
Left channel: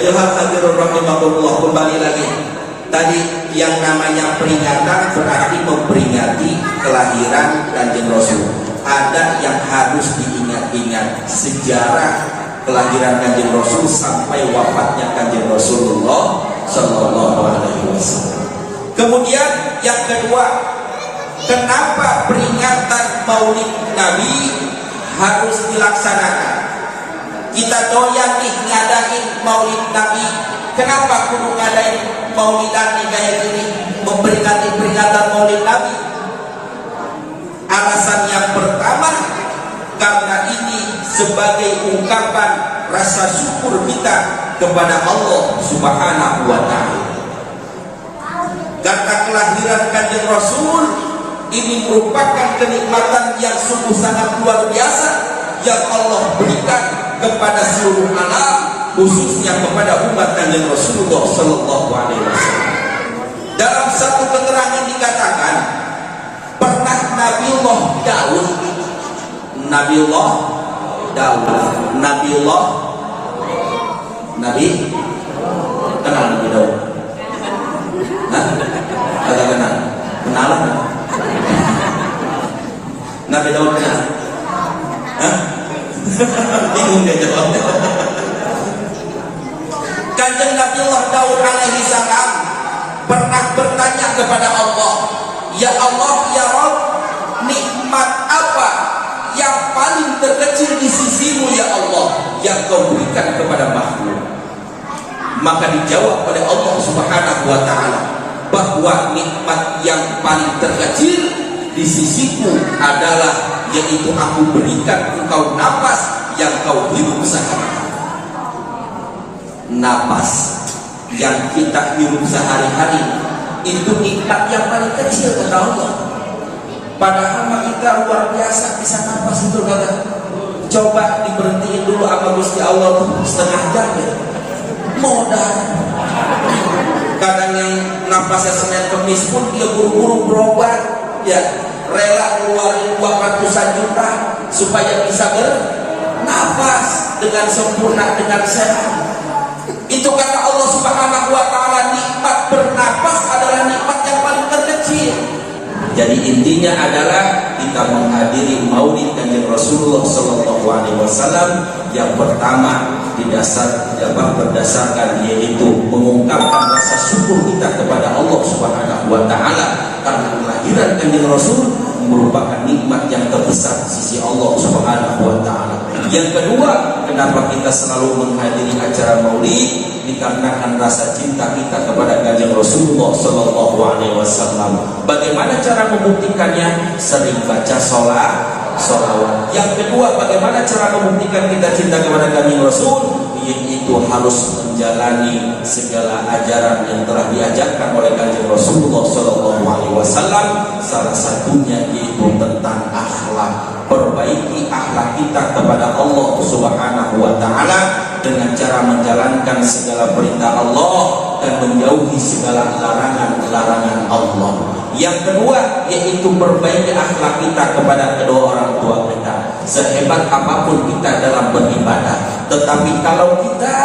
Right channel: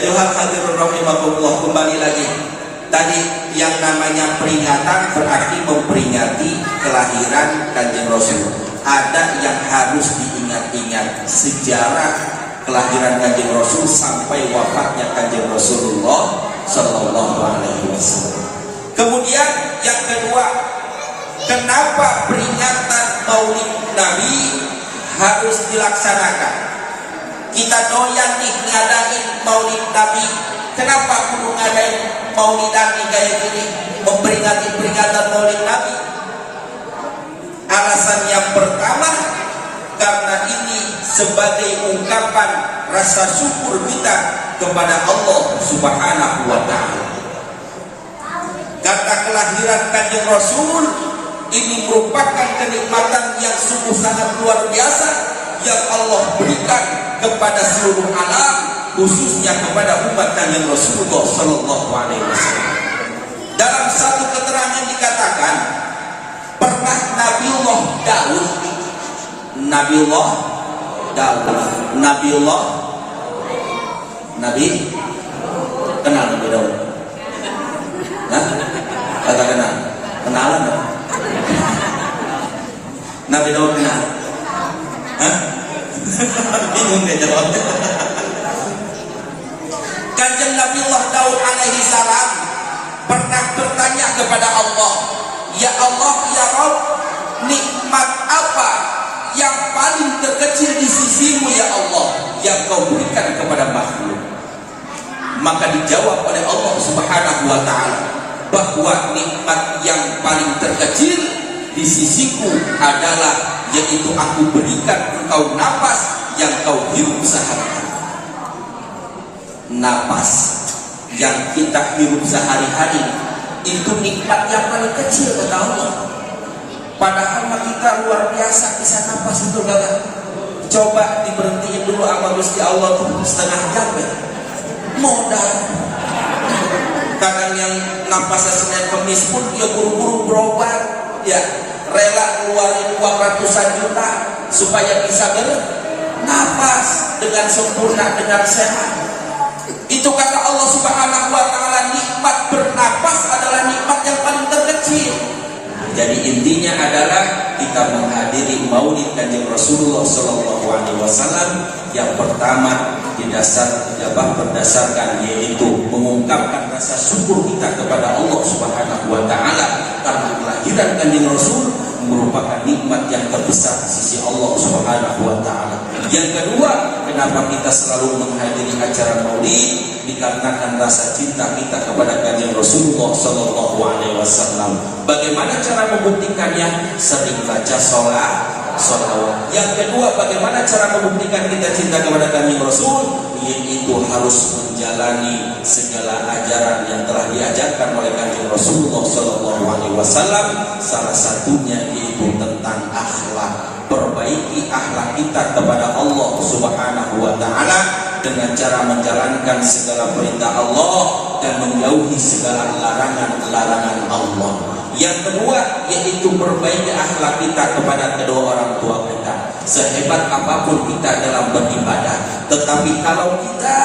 Ayo hadirin rahimakumullah, kembali lagi. Tadi yang namanya peringatan berarti memperingati kelahiran Kanjeng Rasul. Ada yang harus diingat-ingat sejarah kelahiran Kanjeng Rasul sampai wafatnya Kanjeng Rasulullah Sallallahu Alaihi Wasallam. Kemudian yang kedua, kenapa peringatan Maulid Nabi harus dilaksanakan? Kita doyan nih ngadain Maulid Nabi. Kenapa kudu ngadain Maulidan nih kayak gini, memperingati peringatan Maulid Nabi? Alasan yang pertama, karena ini sebagai ungkapan rasa syukur kita kepada Allah Subhanahu wa Ta'ala. Karena kelahiran Kanjeng Rasul ini merupakan kenikmatan yang sungguh sangat luar biasa yang Allah berikan kepada seluruh alam, khususnya kepada umat Kanjeng Rasulullah Sallallahu Alaihi Wasallam. Dalam satu keterangan dikatakan, pernah Nabiullah Daud Nabi kenal Nabi Daud? Nah, kata kenal Nabi Daud kenal? Hah? Bingung gak jawab? Kanjeng Nabiullah Daud alaihi salam pernah bertanya kepada Allah, ya Allah, ya Rabb, nikmat apa yang paling terkecil di sisimu ya Allah yang kau berikan kepada makhluk? Maka dijawab oleh Allah Subhanahu wa Ta'ala bahwa nikmat yang paling terkecil di sisiku adalah yaitu aku berikan engkau napas yang kau hirup sehari-hari. Napas yang kita hirup sehari-hari itu nikmat yang paling kecil kata Allah. Padahal kita luar biasa bisa napas itu kata. Coba diberhentiin dulu sama Gusti Allah tuh setengah jam ya. Modal. Kadang yang napasnya Senin Kemis pun dia buru-buru berobat, ya rela keluarin uang ratusan juta supaya bisa bernapas dengan sempurna, dengan sehat. Itu kata Allah Subhanahu wa Ta'ala, nikmat bernapas adalah nikmat yang paling terkecil. Jadi intinya adalah kita menghadiri Maulid Kanjeng Rasulullah Sallallahu Alaihi Wasallam yang pertama berdasarkan yaitu mengungkapkan rasa syukur kita kepada Allah Subhanahu wa Ta'ala karena kelahiran Kanjeng Rasul merupakan nikmat yang terbesar di sisi Allah Subhanahu wa Ta'ala. Yang kedua, kenapa kita selalu menghadiri acara Maulid? Dikarenakan rasa cinta kita kepada Kanjeng Rasulullah Sallallahu Alaihi Wasallam. Bagaimana cara membuktikannya? Sering baca sholat salawat. Yang kedua, bagaimana cara membuktikan kita cinta kepada Kanjeng Rasul? Yaitu harus menjalani segala ajaran yang telah diajarkan oleh Kanjeng Rasulullah Sallallahu Alaihi Wasallam. Salah satunya yaitu tentang akhlak. Perbaiki akhlak kita kepada Allah Subhanahu Wa Taala dengan cara menjalankan segala perintah Allah dan menjauhi segala larangan-larangan Allah. Yang kedua yaitu perbaiki akhlak kita kepada kedua orang tua kita. Sehebat apapun kita dalam beribadah, tetapi kalau kita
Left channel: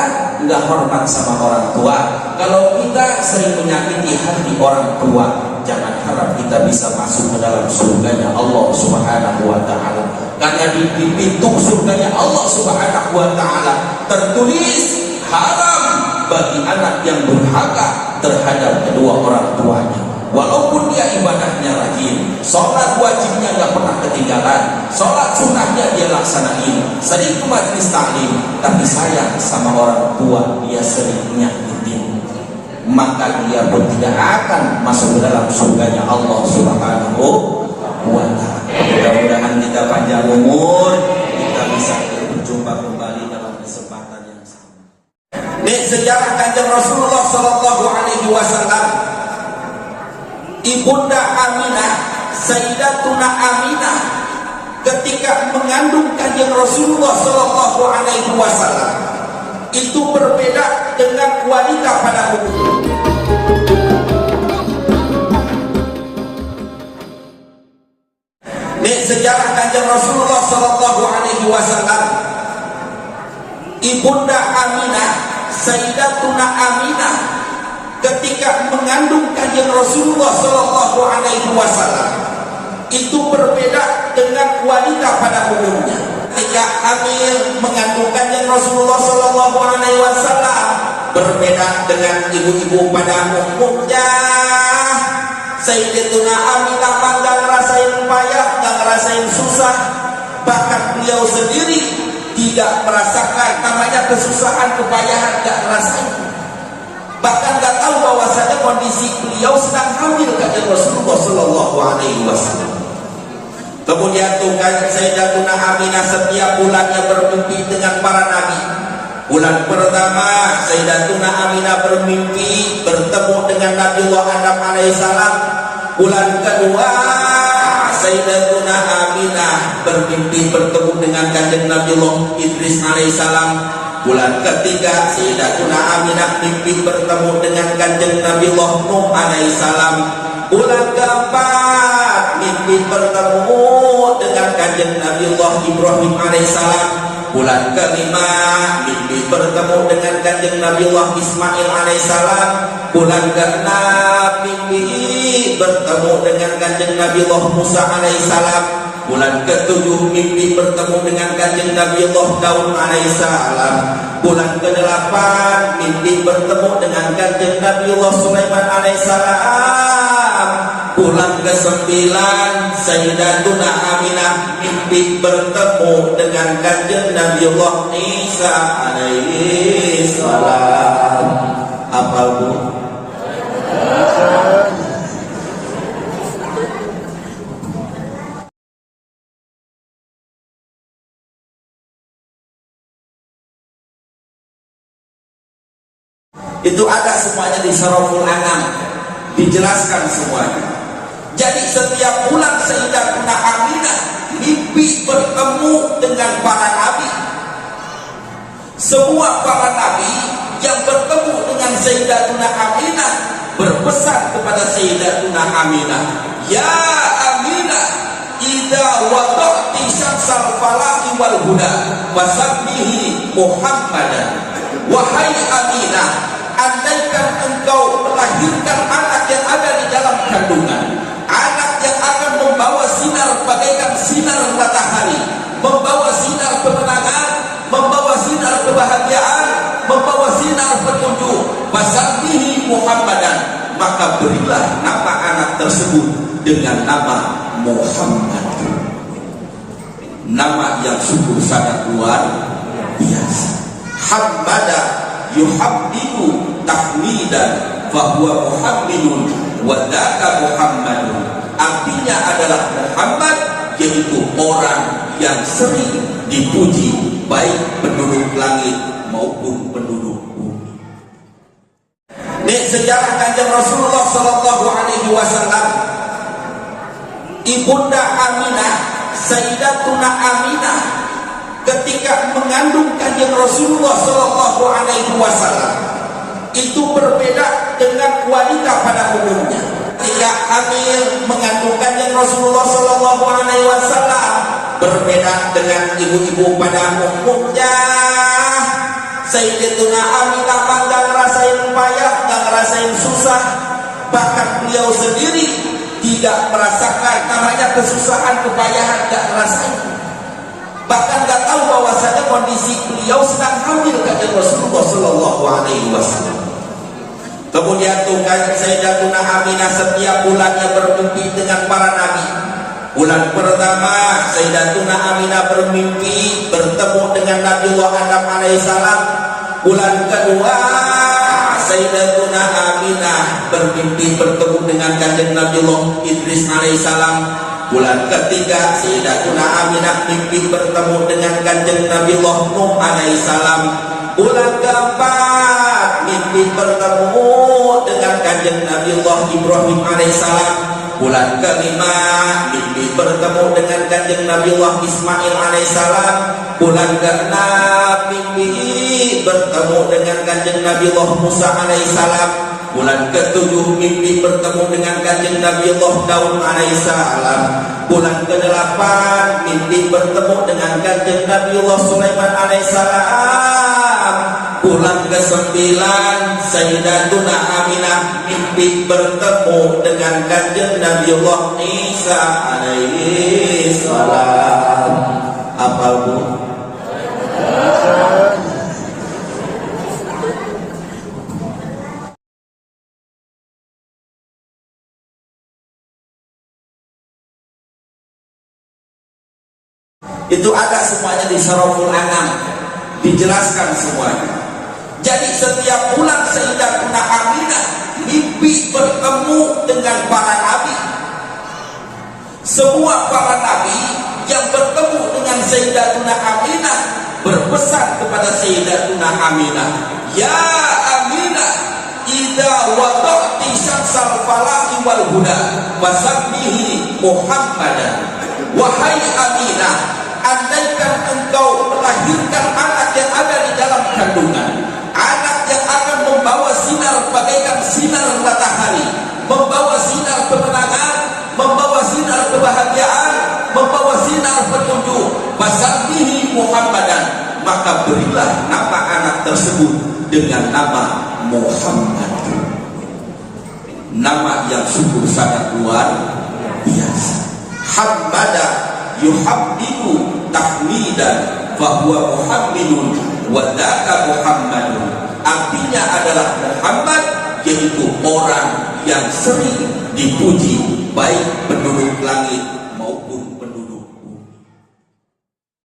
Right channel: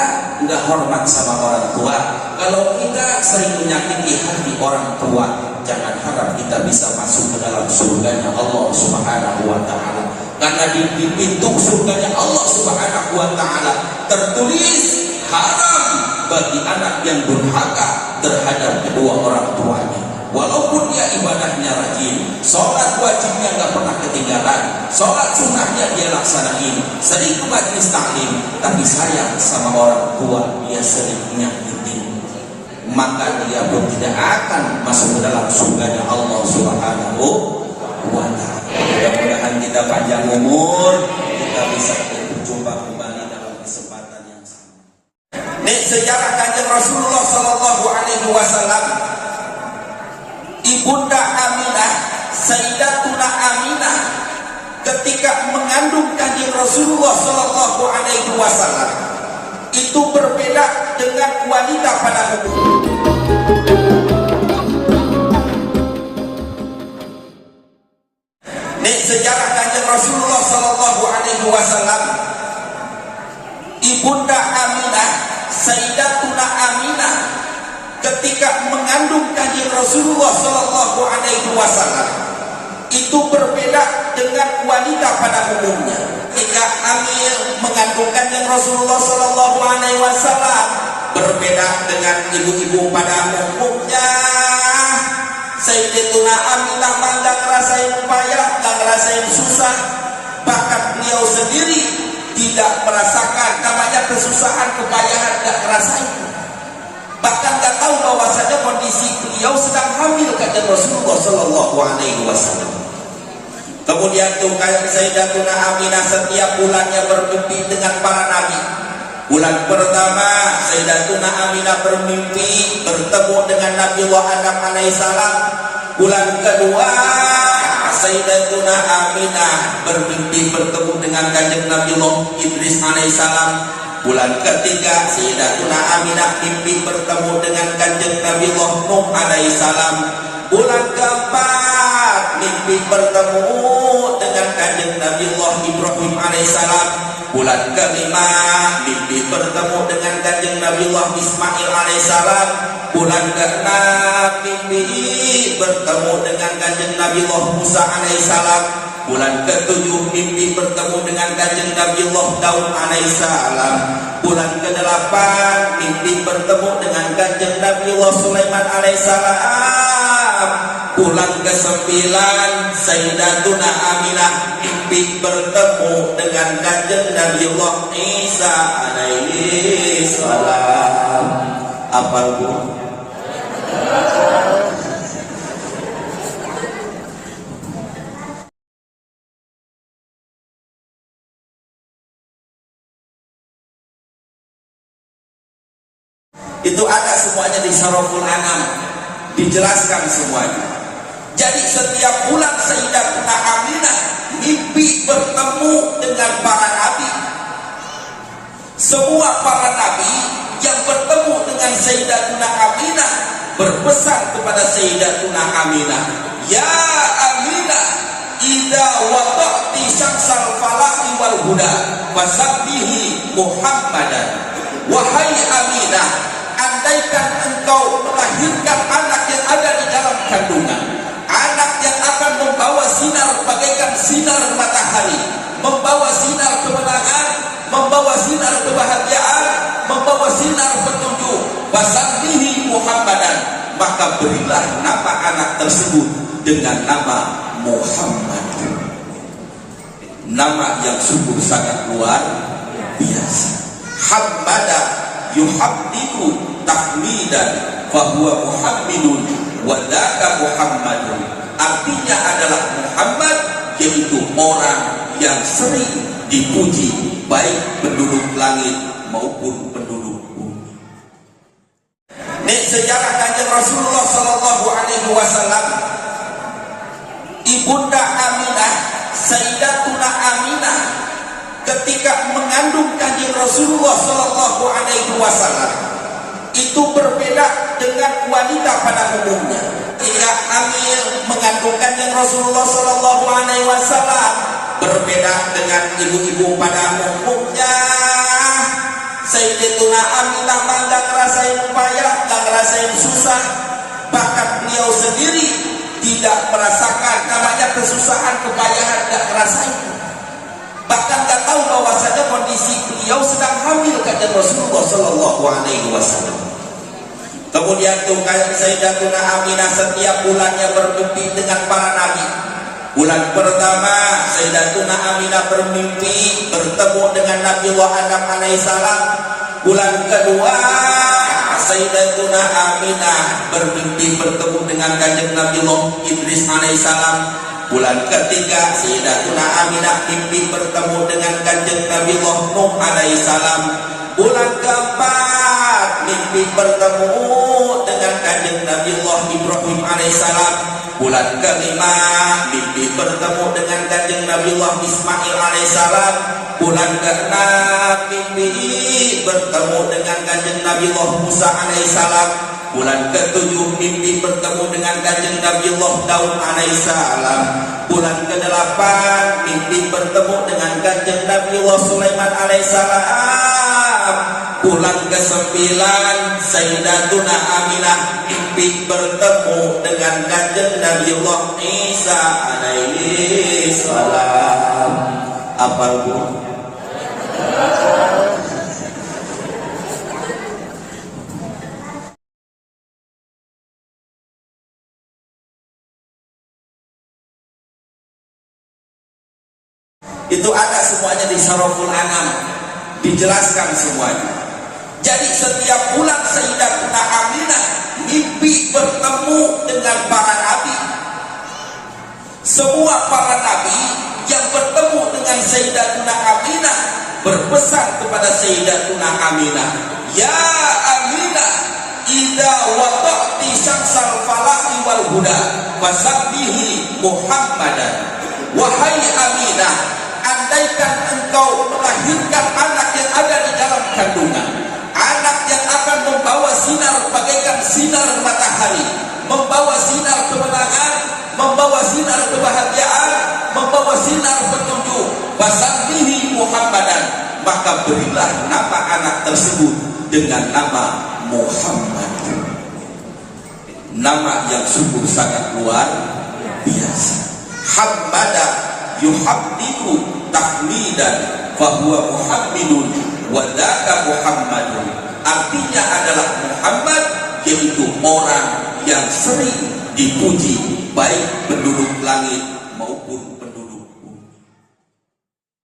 nggak hormat sama orang tua, kalau kita sering menyakiti hati orang tua, jangan harap kita bisa masuk ke dalam surganya Allah Subhanahu Wa Taala. Karena di pintu surganya Allah Subhanahu Wa Taala tertulis haram bagi anak yang durhaka terhadap kedua orang tuanya. Walaupun dia ibadahnya rajin, sholat wajibnya nggak pernah ketinggalan, sholat sunnahnya dia laksanain, sering ke majelis taklim, tapi sayang sama orang tua dia sering nyakitin, maka dia pun tidak akan masuk ke dalam surganya Allah Subhanahu wa Ta'ala. Mudah-mudahan kita panjang umur, kita bisa berjumpa kembali dalam kesempatan yang sama. Ini sejarah Kanjeng Rasulullah Sallallahu Alaihi Wasallam. Ibunda Aminah, Sayyidatuna Aminah, ketika mengandung Kanjeng Rasulullah Sallallahu Alaihi Wasallam, itu berbeda dengan wanita pada umumnya. Ini sejarah Kanjeng Rasulullah Sallallahu Alaihi Wasallam. Ibunda Aminah, Sayyidatuna Aminah, ketika mengandung Kanjeng Rasulullah Sallallahu Alaihi Wasallam, itu berbeda dengan wanita pada umumnya. Ketika hamil mengandung Kanjeng Rasulullah Sallallahu Alaihi Wasallam, berbeda dengan ibu-ibu pada umumnya. Sayyidatuna Aminah nggak ngerasain payah, nggak ngerasain susah, bahkan beliau sendiri tidak merasakan namanya kesusahan, kepayahan, nggak ngerasain. Bahkan nggak tahu bahwasanya kondisi beliau sedang hamil Kanjeng Rasulullah Sallallahu Alaihi Wasallam. Kemudian tuh Sayyidatuna Aminah setiap bulannya bermimpi dengan para nabi. Bulan pertama Sayyidatuna Aminah bermimpi bertemu dengan Nabiullah Adam alaihissalam. Bulan kedua Sayyidatuna Aminah bermimpi bertemu dengan Kanjeng Nabiullah Idris alaihissalam. Bulan ketiga Sayyidatuna Aminah mimpi bertemu dengan Kanjeng Nabiullah Nuh alaihissalam. Bulan keempat mimpi bertemu dengan Kanjeng Nabiullah Ibrahim alaihissalam. Bulan kelima mimpi bertemu dengan Kanjeng Nabiullah Ismail alaihissalam. Bulan keenam mimpi bertemu dengan Kanjeng Nabiullah Musa alaihissalam. Bulan ketujuh mimpi bertemu dengan Kanjeng Nabiullah Daud alaihissalam. Bulan kedelapan mimpi bertemu dengan Kanjeng Nabiullah Sulaiman alaihissalam. Bulan ke-9 Sayyidatuna Aminah mimpi bertemu dengan Kanjeng Nabiullah Isa alaihi salam. Hafal Bu? Itu ada semuanya di Surahul An'am, dijelaskan semuanya. Jadi setiap bulan Sayyidatuna Aminah mimpi bertemu dengan para nabi. Semua para nabi yang bertemu dengan Sayyidatuna Aminah berpesan kepada Sayyidatuna Aminah, "Ya Aminah, idza wada'ti syamsal falahi wal huda fasabbihi Muhammadan." Wahai Aminah, andaikan engkau melahirkan anak yang ada di dalam kandungan, anak yang akan membawa sinar bagaikan sinar matahari, membawa sinar kemenangan, membawa sinar kebahagiaan, membawa sinar petunjuk, fasabbihi Muhammadan, maka berilah nama anak tersebut dengan nama Muhammad. Nama yang sungguh sangat luar biasa. Hamada yuhammidu tahmidan fahuwa Muhammadun wa dzaka Muhammadun. Artinya adalah Muhammad, yaitu orang yang sering dipuji, baik penduduk langit maupun penduduk bumi. Ini sejarah Kanjeng Rasulullah Sallallahu Alaihi Wasallam. Ibunda Aminah, Sayyidatuna Aminah, ketika mengandung Kanjeng Rasulullah Sallallahu Alaihi Wasallam, itu berbeda dengan wanita pada umumnya. Ketika hamil mengandung Kanjeng Rasulullah Sallallahu Alaihi Wasallam, berbeda dengan ibu-ibu pada umumnya. Sayyidatuna Aminah nggak ngerasain payah, nggak ngerasain susah, bahkan beliau sendiri tidak merasakan namanya kesusahan, kepayahan, nggak ngerasain. Bahkan nggak tahu bahwasanya kondisi beliau sedang hamil Kanjeng Rasulullah Sallallahu Alaihi Wasallam. Kemudian tuh Sayyidatuna Aminah setiap bulannya bermimpi dengan para nabi. Bulan pertama Sayyidatuna Aminah bermimpi bertemu dengan Nabiullah Adam alaihissalam. Bulan kedua Sayyidatuna Aminah bermimpi bertemu dengan Kanjeng Nabiullah Idris alaihissalam. Bulan ketiga Sayyidatuna Aminah mimpi bertemu dengan Kanjeng Nabiullah Nuh alaihissalam. Bulan keempat mimpi bertemu dengan Kanjeng Nabiullah Ibrahim alaihissalam. Bulan kelima mimpi bertemu dengan Kanjeng Nabiullah Ismail alaihissalam. Bulan keenam mimpi bertemu dengan Kanjeng Nabiullah Musa alaihissalam. Bulan ketujuh mimpi bertemu dengan Kanjeng Nabiullah Daud alaihissalam. Bulan kedelapan mimpi bertemu dengan Kanjeng Nabiullah Sulaiman alaihissalam. Bulan ke-9 Sayyidatuna Aminah mimpi bertemu dengan Kanjeng Nabiullah Isa alaihi salam. Apal bu? Itu ada semuanya di Surahul An'am, dijelaskan semuanya. Jadi setiap bulan Sayyidatuna Aminah mimpi bertemu dengan para nabi. Semua para nabi yang bertemu dengan Sayyidatuna Aminah berpesan kepada Sayyidatuna Aminah, ya Aminah, idza wada'ti syamsal falahi wal huda fasabbihi Muhammadan. Wahai Aminah, andaikan engkau melahirkan anak yang ada di dalam kandungan, anak yang akan membawa sinar bagaikan sinar matahari, membawa sinar kemenangan, membawa sinar kebahagiaan, membawa sinar petunjuk, fasabbihi Muhammadan, maka berilah nama anak tersebut dengan nama Muhammad. Nama yang sungguh sangat luar biasa. Hamada yuhabbibu tahmidan fahuwa Muhammadun wadaka Muhammadun. Artinya adalah Muhammad, yaitu orang yang sering dipuji, baik penduduk langit